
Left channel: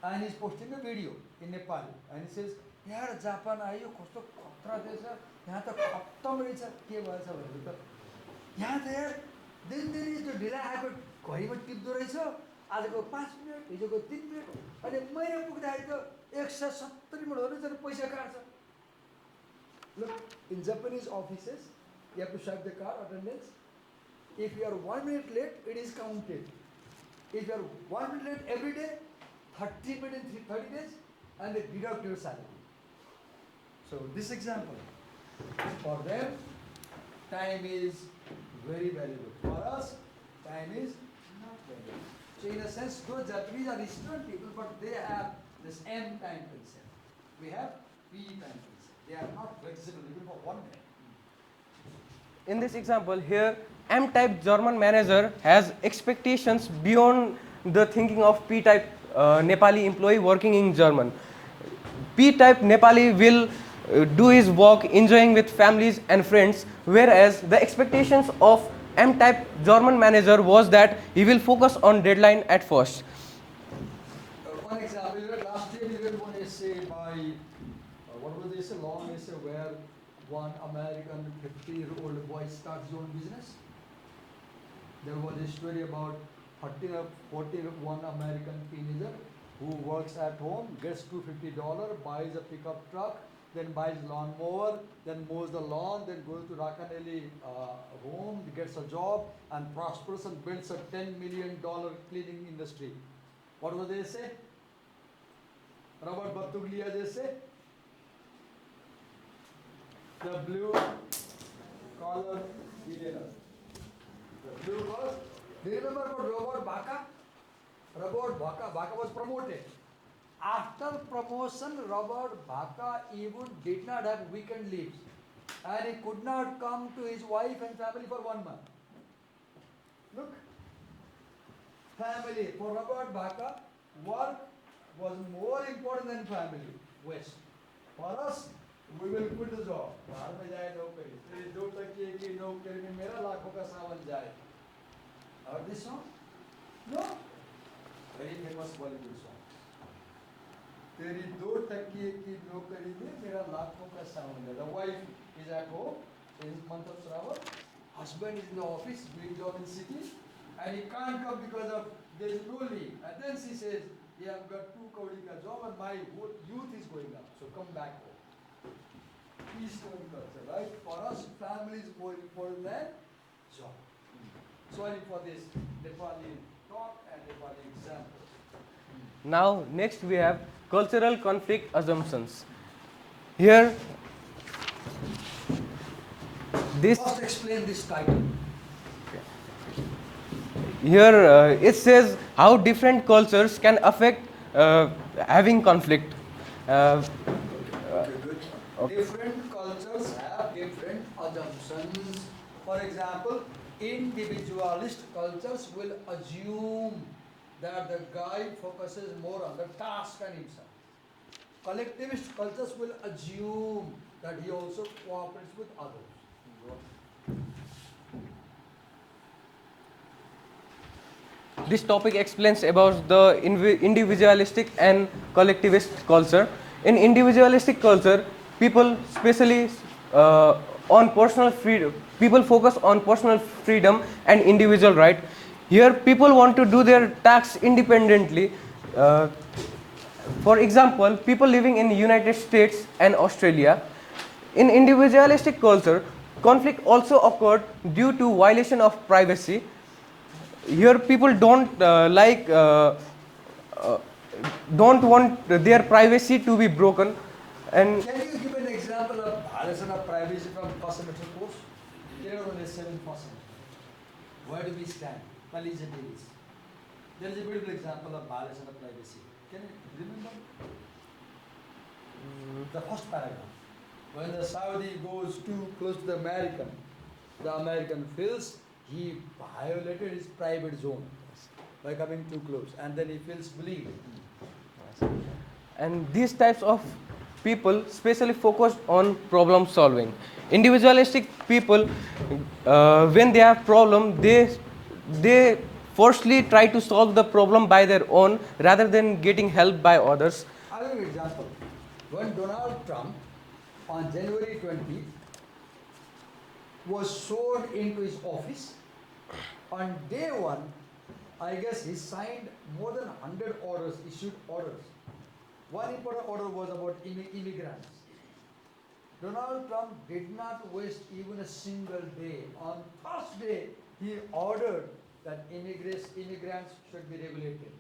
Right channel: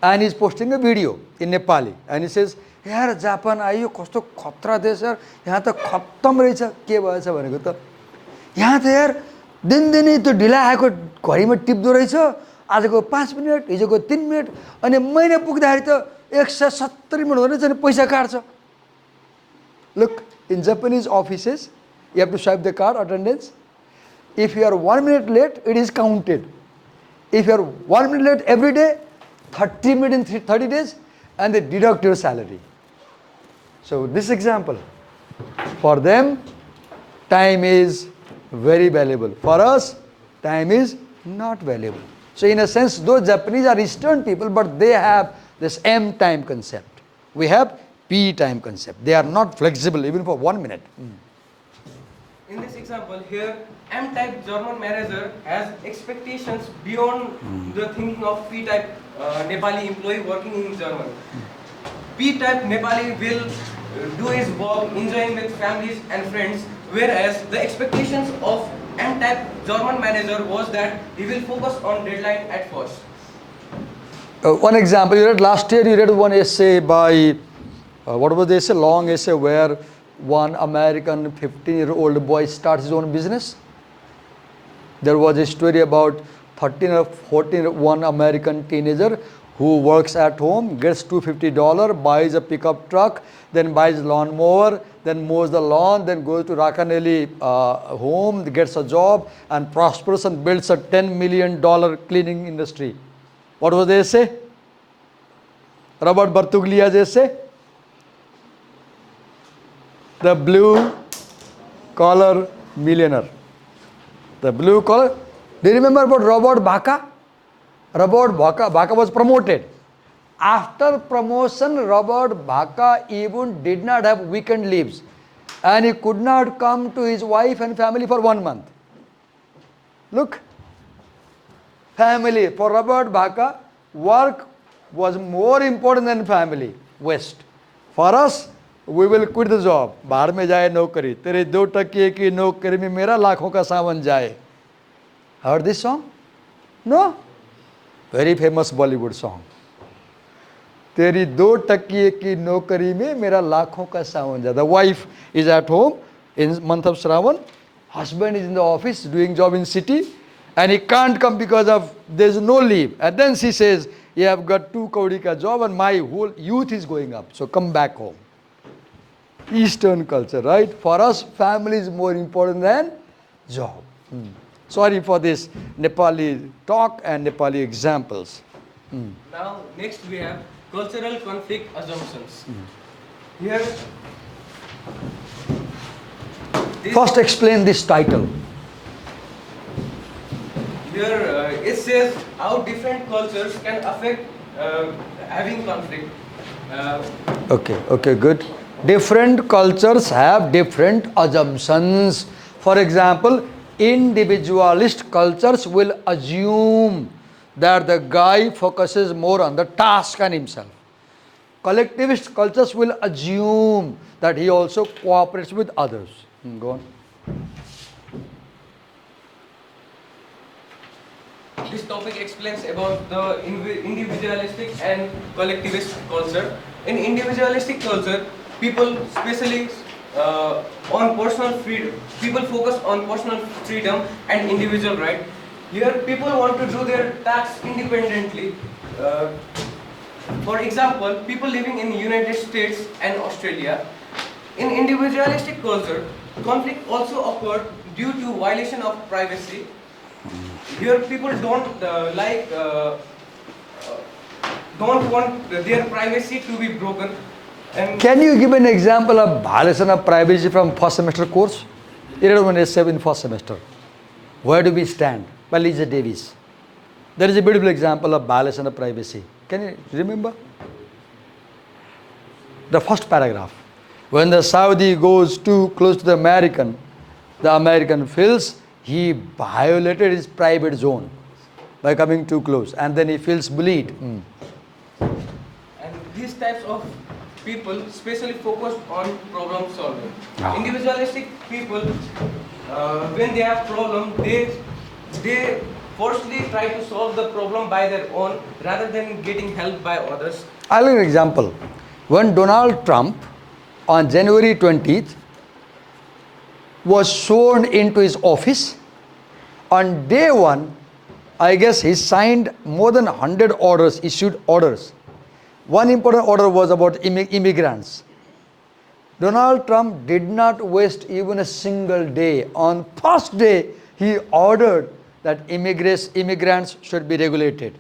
and he's posting a video in Nepali, and he says, यार Japan आयो कस्तो खतरा देश यार, यहाँ त खत्तम रहेछ, के भएछ भनेको त यहाँ त यार दिनदिनै त्यो ढिला आएको घडीमा टिप्दो रहेछ, आजको 5 मिनट, हिजोको 3 मिनट, अनि महिना पुग्दाखेरि त 170 मिनट हुँदैछ अनि पैसा काट्छ. Look, in Japanese offices, you have to swipe the card, attendance. If you are 1 minute late, it is counted. If you are 1 minute late every day, 30 minutes in 30 days, and they deduct your salary. So this example, for them, time is very valuable. For us, time is not valuable. So in a sense, those Japanese are Eastern people, but they have this M time concept. We have P time concept. They are not flexible even for 1 minute. In this example here, M-type German manager has expectations beyond the thinking of P-type Nepali employee working in German. P-type Nepali will do his work enjoying with families and friends, whereas the expectations of M-type German manager was that he will focus on deadline at first. One example, you read last year, you read one essay by, what was the essay? Long essay where one American 15-year-old boy starts his own business. There was a story about 13 or 14, one American teenager who works at home, gets $250, buys a pickup truck, then buys lawnmower, then mows the lawn, then goes to Rakanelli home, gets a job, and prospers and builds a $10 million cleaning industry. What was the essay? Robert Bartuglia's essay? The blue collar millionaire. The blue collar. Do you remember about Robert Baca? Robert Baca was promoted. After promotion, Robert Baca even did not have weekend leaves. And he could not come to his wife and family for 1 month. Look. Family. For Robert Baca, work was more important than family. West. For us, we will quit the job. बाहर में जाए नौकरी. तेरे 2 टकिए की नौकरी में मेरा लाखों का सावन जाए. Heard this song? No? Very famous Bollywood song. तेरी 2 टकिए की नौकरी में मेरा लाखों का सावन जाए. The wife is at home in month of Shravan. Husband is in the office doing job in city. And he can't come because of there is no leave. And then she says, "You have got 2 kaudi ka job and my whole youth is going up. So come back home." Eastern culture, right? For us, family is more important than job. Sorry for this Nepali talk and Nepali examples. Now, next we have cultural conflict assumptions. Here, First explain this title. Here it says how different cultures can affect having conflict. Okay, good. Different cultures have different assumptions. For example, individualist cultures will assume that the guy focuses more on the task and himself. Collectivist cultures will assume that he also cooperates with others. Go on. This topic explains about the individualistic and collectivist culture. In individualistic culture, people especially on personal freedom. People focus on personal freedom and individual right. Here, people want to do their tasks independently. For example, people living in United States and Australia. In individualistic culture, conflict also occurred due to violation of privacy. Here, people don't want their privacy to be broken. And can you give an example of violation of privacy from first semester course? You read one essay in first semester. Where do we stand? By Lisa Davis. There is a beautiful example of violation of privacy. Can you remember? The first paragraph. When the Saudi goes too close to the American feels he violated his private zone by coming too close, and then he feels bullied. And these types of people specially focused on problem solving. Individualistic people, when they have problem, they firstly try to solve the problem by their own rather than getting help by others. I'll give an example. When Donald Trump on January 20th was sworn into his office, on day 1, I guess he signed more than 100 orders, issued orders. One important order was about immigrants. Donald Trump did not waste even a single day. On first day, he ordered that immigrants should be regulated.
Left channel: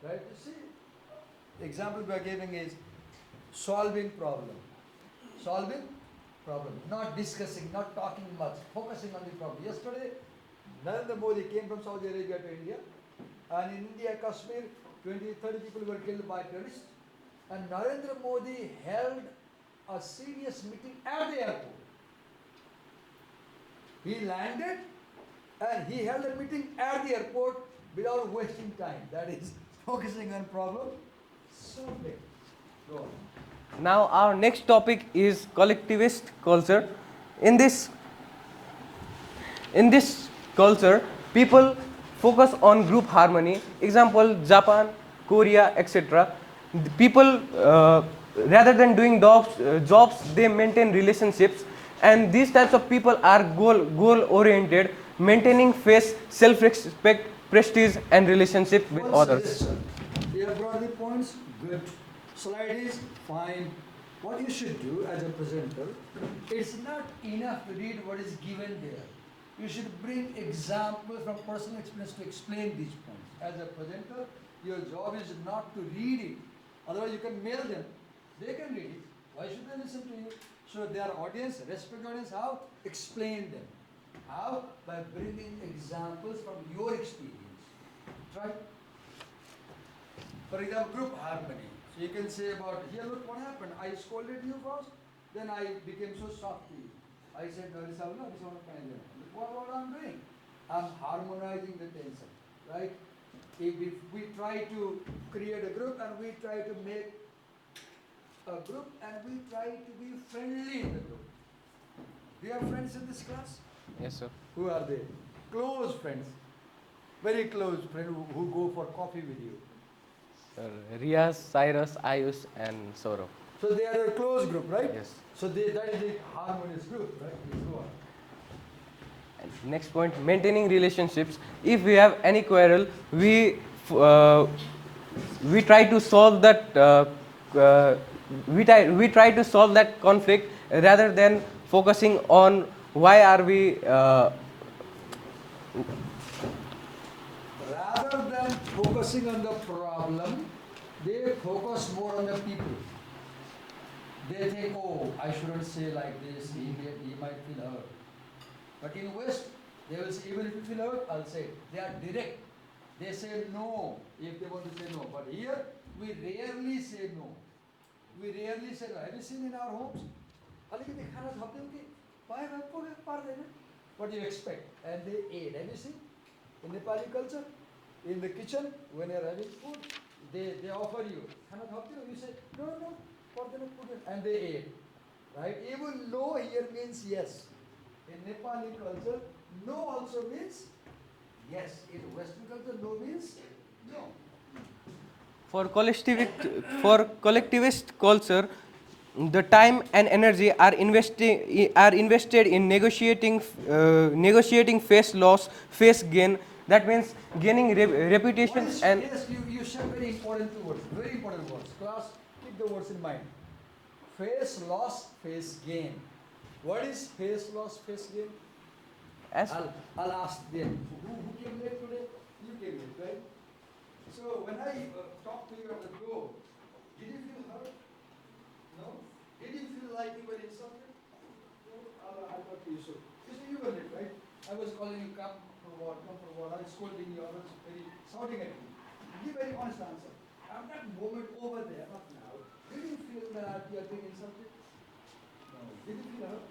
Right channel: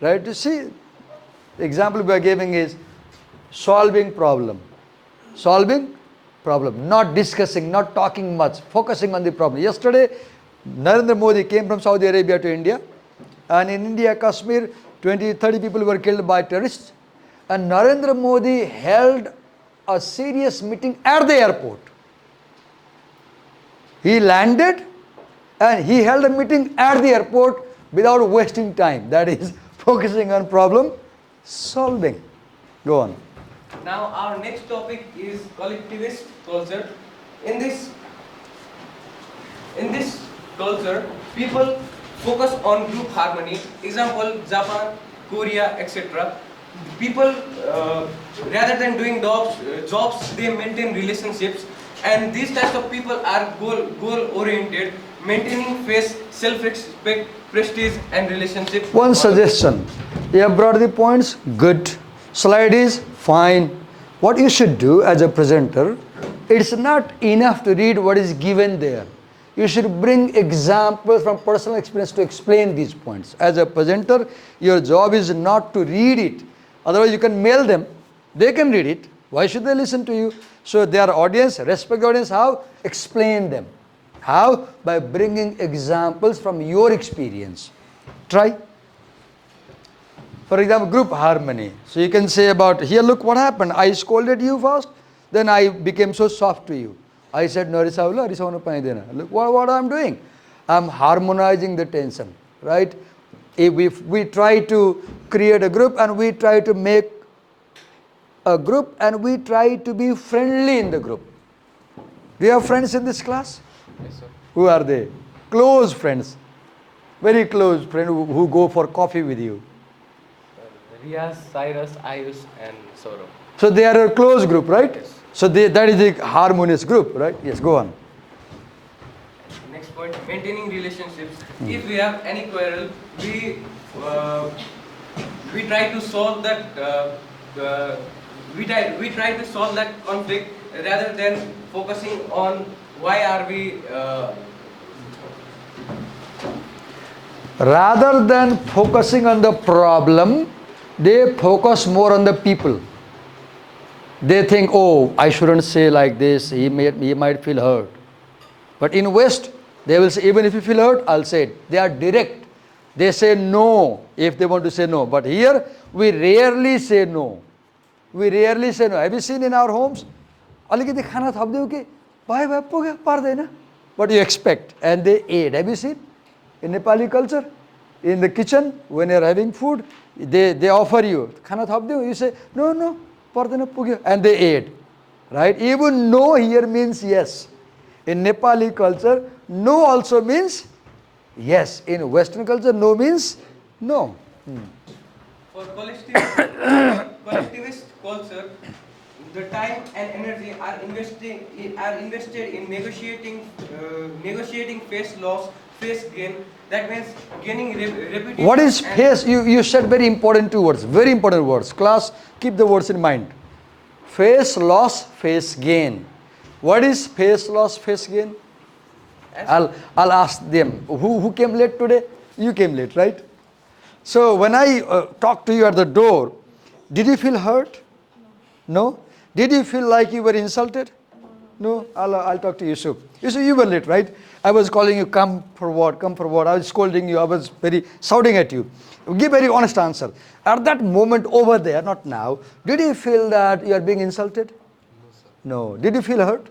Right? You see, the example we are giving is solving problem. Solving problem, not discussing, not talking much, focusing on the problem. Yesterday, Narendra Modi came from Saudi Arabia to India, and in India, Kashmir, 20-30 people were killed by terrorists. And Narendra Modi held a serious meeting at the airport. He landed and he held a meeting at the airport without wasting time. That is focusing on problem solving. Go on. Now our next topic is collectivist culture. In this culture, people focus on group harmony. Example, Japan, Korea, etc. People, rather than doing jobs, they maintain relationships. And these types of people are goal oriented, maintaining faith, self-respect, prestige, and relationship. One suggestion. You have brought the points, good. Slide is fine. What you should do as a presenter, it's not enough to read what is given there. You should bring examples from personal experience to explain these points. As a presenter, your job is not to read it. Otherwise, you can mail them. They can read it. Why should they listen to you? So their audience, respect the audience. How? Explain them. How? By bringing examples from your experience. Try. For example, group harmony. So you can say about, here look what happened. I scolded you first, then I became so soft to you. I said, no, look what I'm doing. I'm harmonizing the tension, right? If we try to create a group and we try to make a group and we try to be friendly in the group. Do you have friends in this class? Yes, sir. Who are they? Close friends. Very close friends who go for coffee with you. Riaz, Cyrus, Ayush, and Saurabh. So they are a close group, right? Yes. So that is a harmonious group, right? Yes, go on. Next point, maintaining relationships. If we have any quarrel, we try to solve that. We try to solve that conflict rather than focusing on why are we. Rather than focusing on the problem, they focus more on the people. They think, oh, I shouldn't say like this, he might feel hurt. But in West, they will say, even if you feel hurt, I'll say it. They are direct. They say no if they want to say no. But here, we rarely say no. We rarely say no. Have you seen in our homes? What do you expect? And they ate. Have you seen? In Nepali culture, in the kitchen, when you're having food, they offer you. You say, no. And they ate. Right? Even no here means yes. In Nepali culture, no also means yes. In Western culture, no means no. For collectivist culture, the time and energy are invested in negotiating face loss, face gain. That means gaining reputation. What is face? You said very important two words. Very important words. Class, keep the words in mind. Face loss, face gain. What is face loss, face gain? I'll ask them. Who came late today? You came late, right? So when I talked to you at the door, did you feel hurt? No? Did you feel like you were insulted? No? I'll talk to Yusuf. Yusuf, you were late, right? I was calling you, come forward. I was scolding you. I was very shouting at you. Give very honest answer. At that moment over there, not now, did you feel that you are being insulted? No. Did you feel hurt?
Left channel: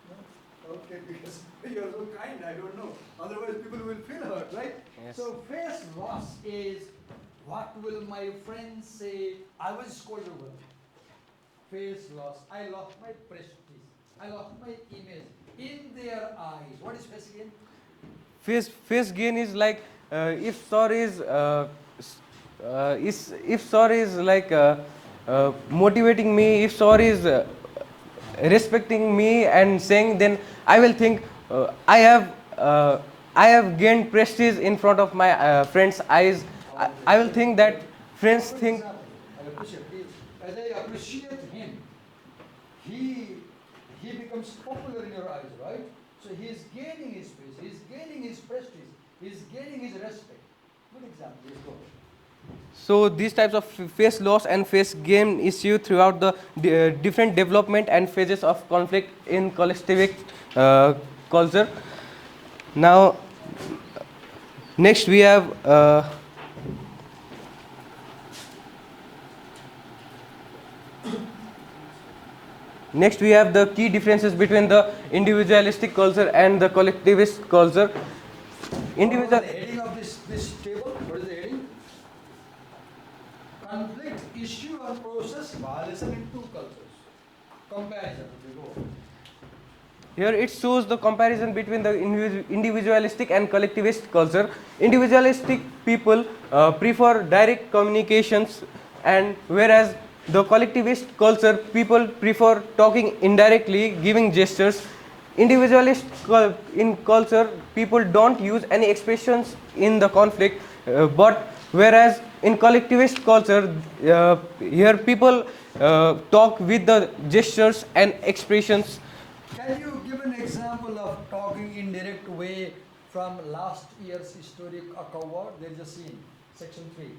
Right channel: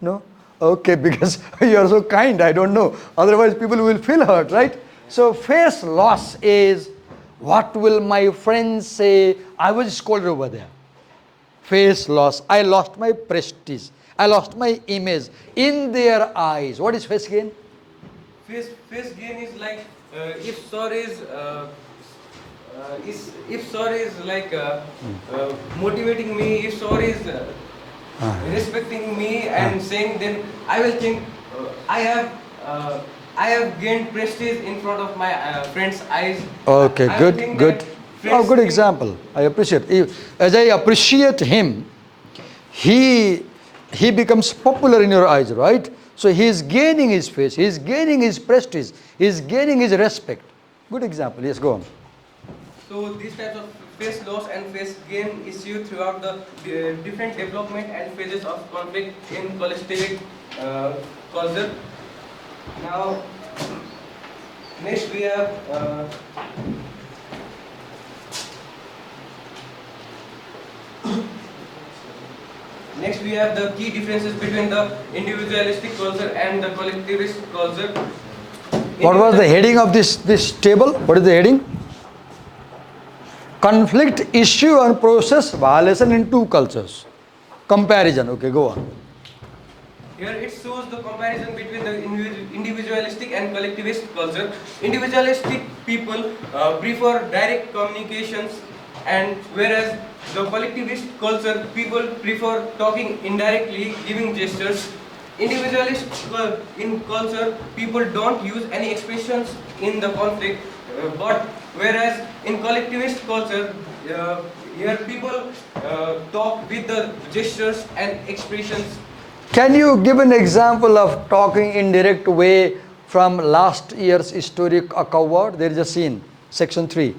No? Okay, because you are so kind, I don't know. Otherwise, people will feel hurt, right? So, face loss is, what will my friends say? I was scolded over there. Face loss. I lost my prestige. I lost my image in their eyes. What is face gain? Face gain is like if sorry is like motivating me. If sorry is respecting me and saying, then I will think I have gained prestige in front of my friends' eyes. Okay, I good, will think good. that friends Good think, example. I appreciate. As I appreciate him, he becomes popular in your eyes, right? So he is gaining his face, he is gaining his prestige, he is gaining his respect. Good example. Yes, go on. So these types of face loss and face gain issue throughout the different development and phases of conflict in collectivist culture. Now, next we have the key differences between the individualistic culture and the collectivist culture. What was the heading of this table? What is the heading? Conflict, issue and process, violation in two cultures. Comparison. Okay, go on. Here it shows the comparison between the individualistic and collectivist culture. Individualistic people prefer direct communications, and whereas the collectivist culture people prefer talking indirectly, giving gestures. Individualist in culture people don't use any expressions in the conflict, but whereas in collectivist culture here people talk with the gestures and expressions. Can you give an example of talking in direct way from last year's historic cover? There is a scene, section 3.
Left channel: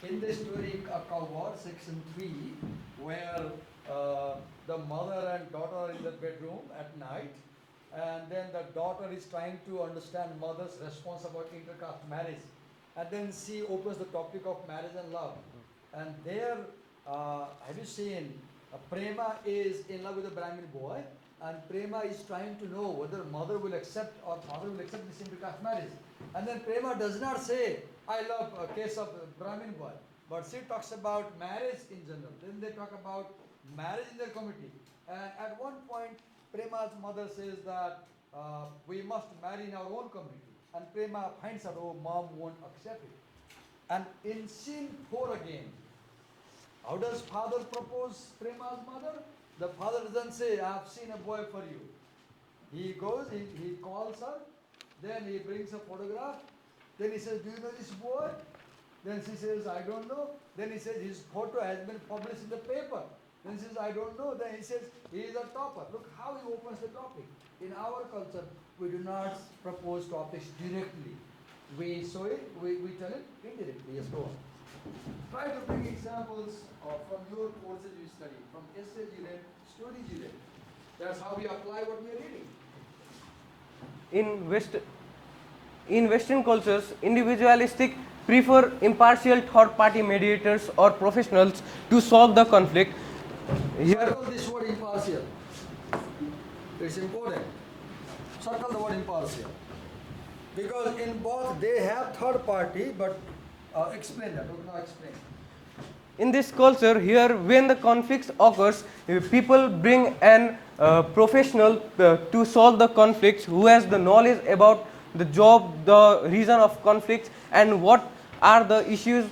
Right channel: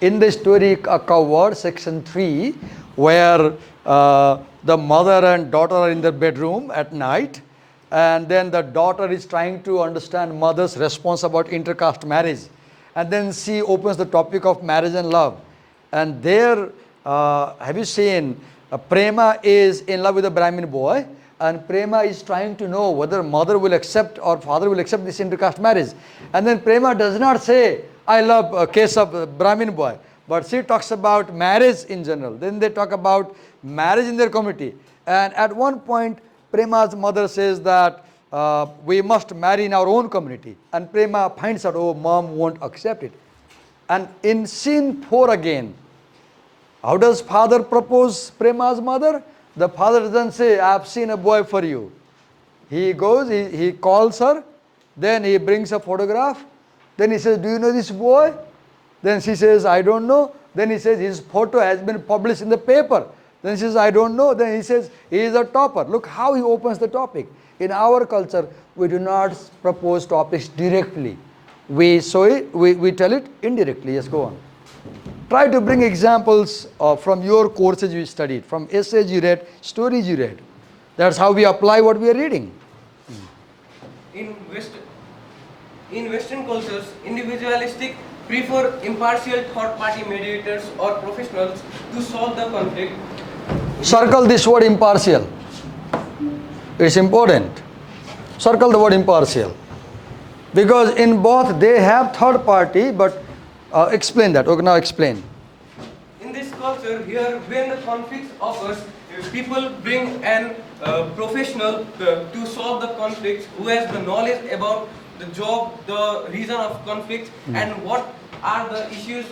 In the historic cover, section 3, where the mother and daughter are in their bedroom at night, and then the daughter is trying to understand mother's response about intercaste marriage, and then she opens the topic of marriage and love. And there, have you seen, Prema is in love with a Brahmin boy, and Prema is trying to know whether mother will accept or father will accept this intercaste marriage. And then Prema does not say, I love a case of a Brahmin boy, but she talks about marriage in general. Then they talk about marriage in their community. And at one point, Prema's mother says that we must marry in our own community. And Prema finds out, oh, mom won't accept it. And in scene 4 again, how does father propose Prema's mother? The father doesn't say, I have seen a boy for you. He goes, he calls her, then he brings a photograph. Then he says, do you know this boy? Then she says, I don't know. Then he says, his photo has been published in the paper. Then she says, I don't know. Then he says, he is a topper. Look how he opens the topic. In our culture, we do not propose topics directly. We tell it indirectly. Yes, go on. Try to bring examples from your courses you studied, from essays you read, stories you read. That's how we apply what we are reading. In Western cultures, individualistic prefer impartial third-party mediators or professionals to solve the conflict. Circle this word impartial. It's important. Circle the word impartial. Because in both they have third party, but explain that. Okay, now explain. In this culture here, when the conflict occurs, people bring an professional to solve the conflict who has the knowledge about the job, the reason of conflict, and what are the issues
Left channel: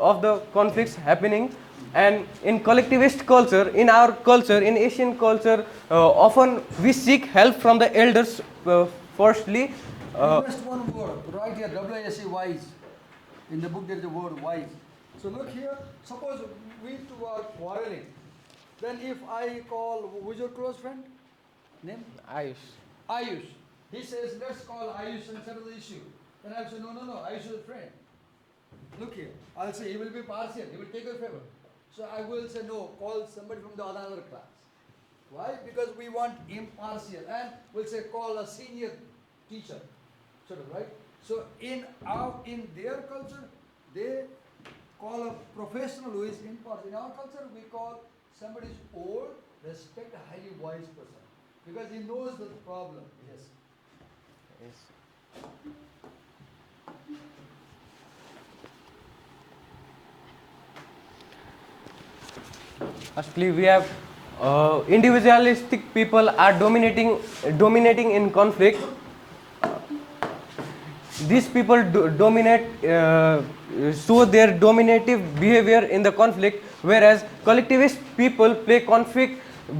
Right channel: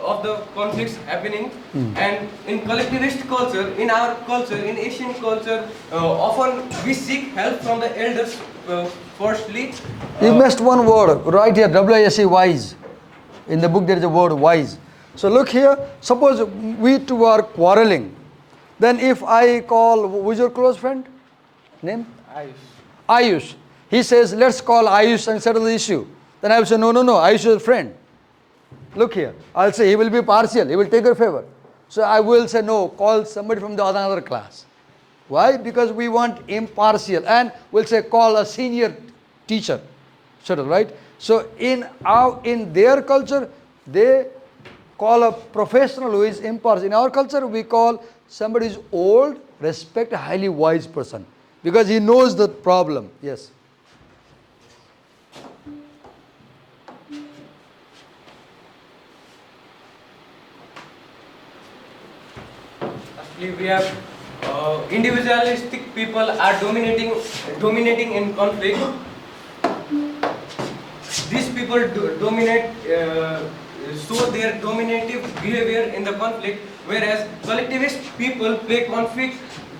of the conflicts happening. And in collectivist culture, in our culture, in Asian culture, often we seek help from the elders firstly. You missed one word right here, W-I-S-E, wise. In the book there is a word wise. So look here, suppose we two are quarreling. Then if I call, who is your close friend? Name? Ayush. He says, let's call Ayush and settle the issue. Then I will say, no, Ayush is a friend. Look here, I'll say he will be partial, he will take your favor. So I will say, no, call somebody from the another class. Why? Because we want impartial. And we'll say, call a senior teacher. Settle, right? So in their culture, they call a professional who is impartial. In our culture, we call somebody who is old, respect a highly wise person. Because he knows the problem. Yes. Actually, we have individualistic people are dominating in conflict. These people dominate, show their dominative behavior in the conflict, whereas collectivist people play conflict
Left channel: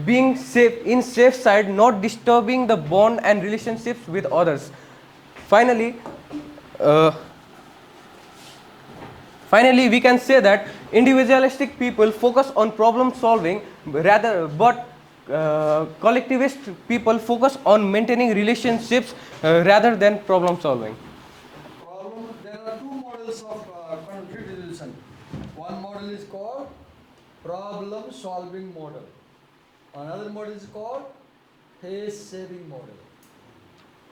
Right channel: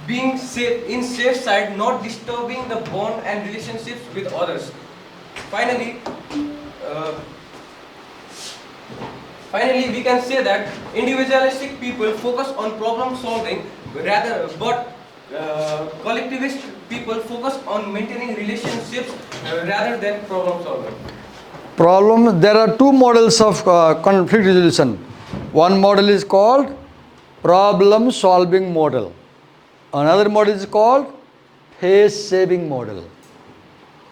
being safe, in safe side, not disturbing the bond and relationships with others. Finally, we can say that individualistic people focus on problem solving, but collectivist people focus on maintaining relationships rather than problem solving. There are two models of conflict resolution. One model is called problem solving model. Another model is called face saving model.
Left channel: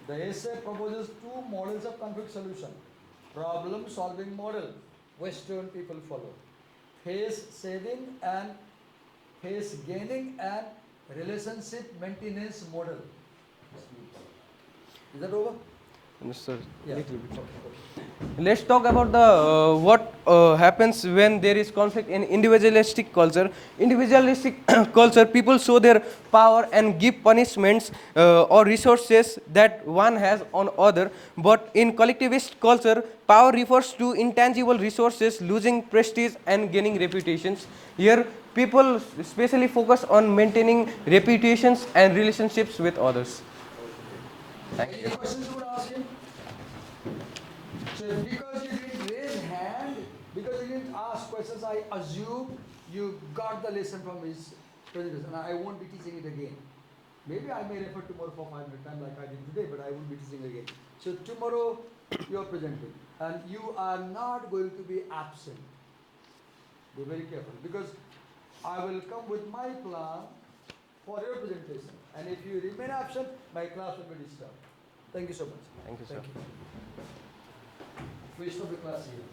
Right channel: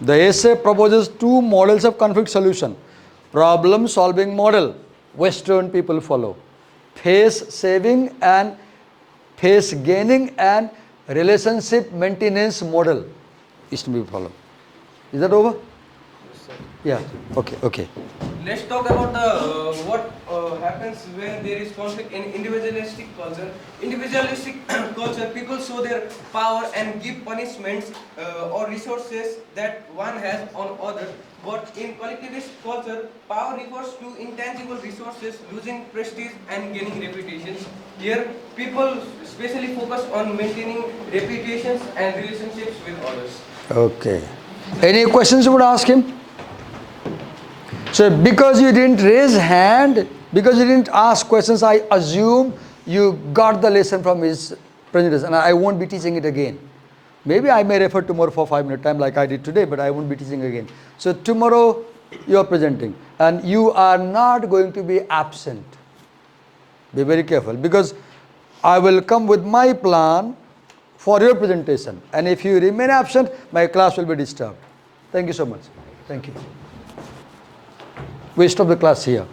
The essay proposes two models of conflict solution. Problem solving model, Western people follow. Face saving and face gaining and relationship maintenance model, Eastern people follow. Is that over? Sir. Yeah. Okay. Okay. Let's talk about the what happens when there is conflict in individualistic culture. Individualistic culture, people show their power and give punishments or resources that one has on other. But in collectivist culture, power refers to intangible resources, losing prestige and gaining reputations. Here, people especially focus on maintaining reputations and relationships with others. Okay. Any questions you would ask him? So because you didn't raise hand, because you didn't ask questions, I assume you got the lesson from his presentation, and I won't be teaching it again. Maybe I may refer tomorrow for 5 minute time like I did today, but I won't be teaching again. So tomorrow you are presenting, and you are not going to be absent. Be very careful, because I will come with my plan for your presentation, and if you remain absent, my class will be disturbed. Thank you so much. Thank you. We stop the class here.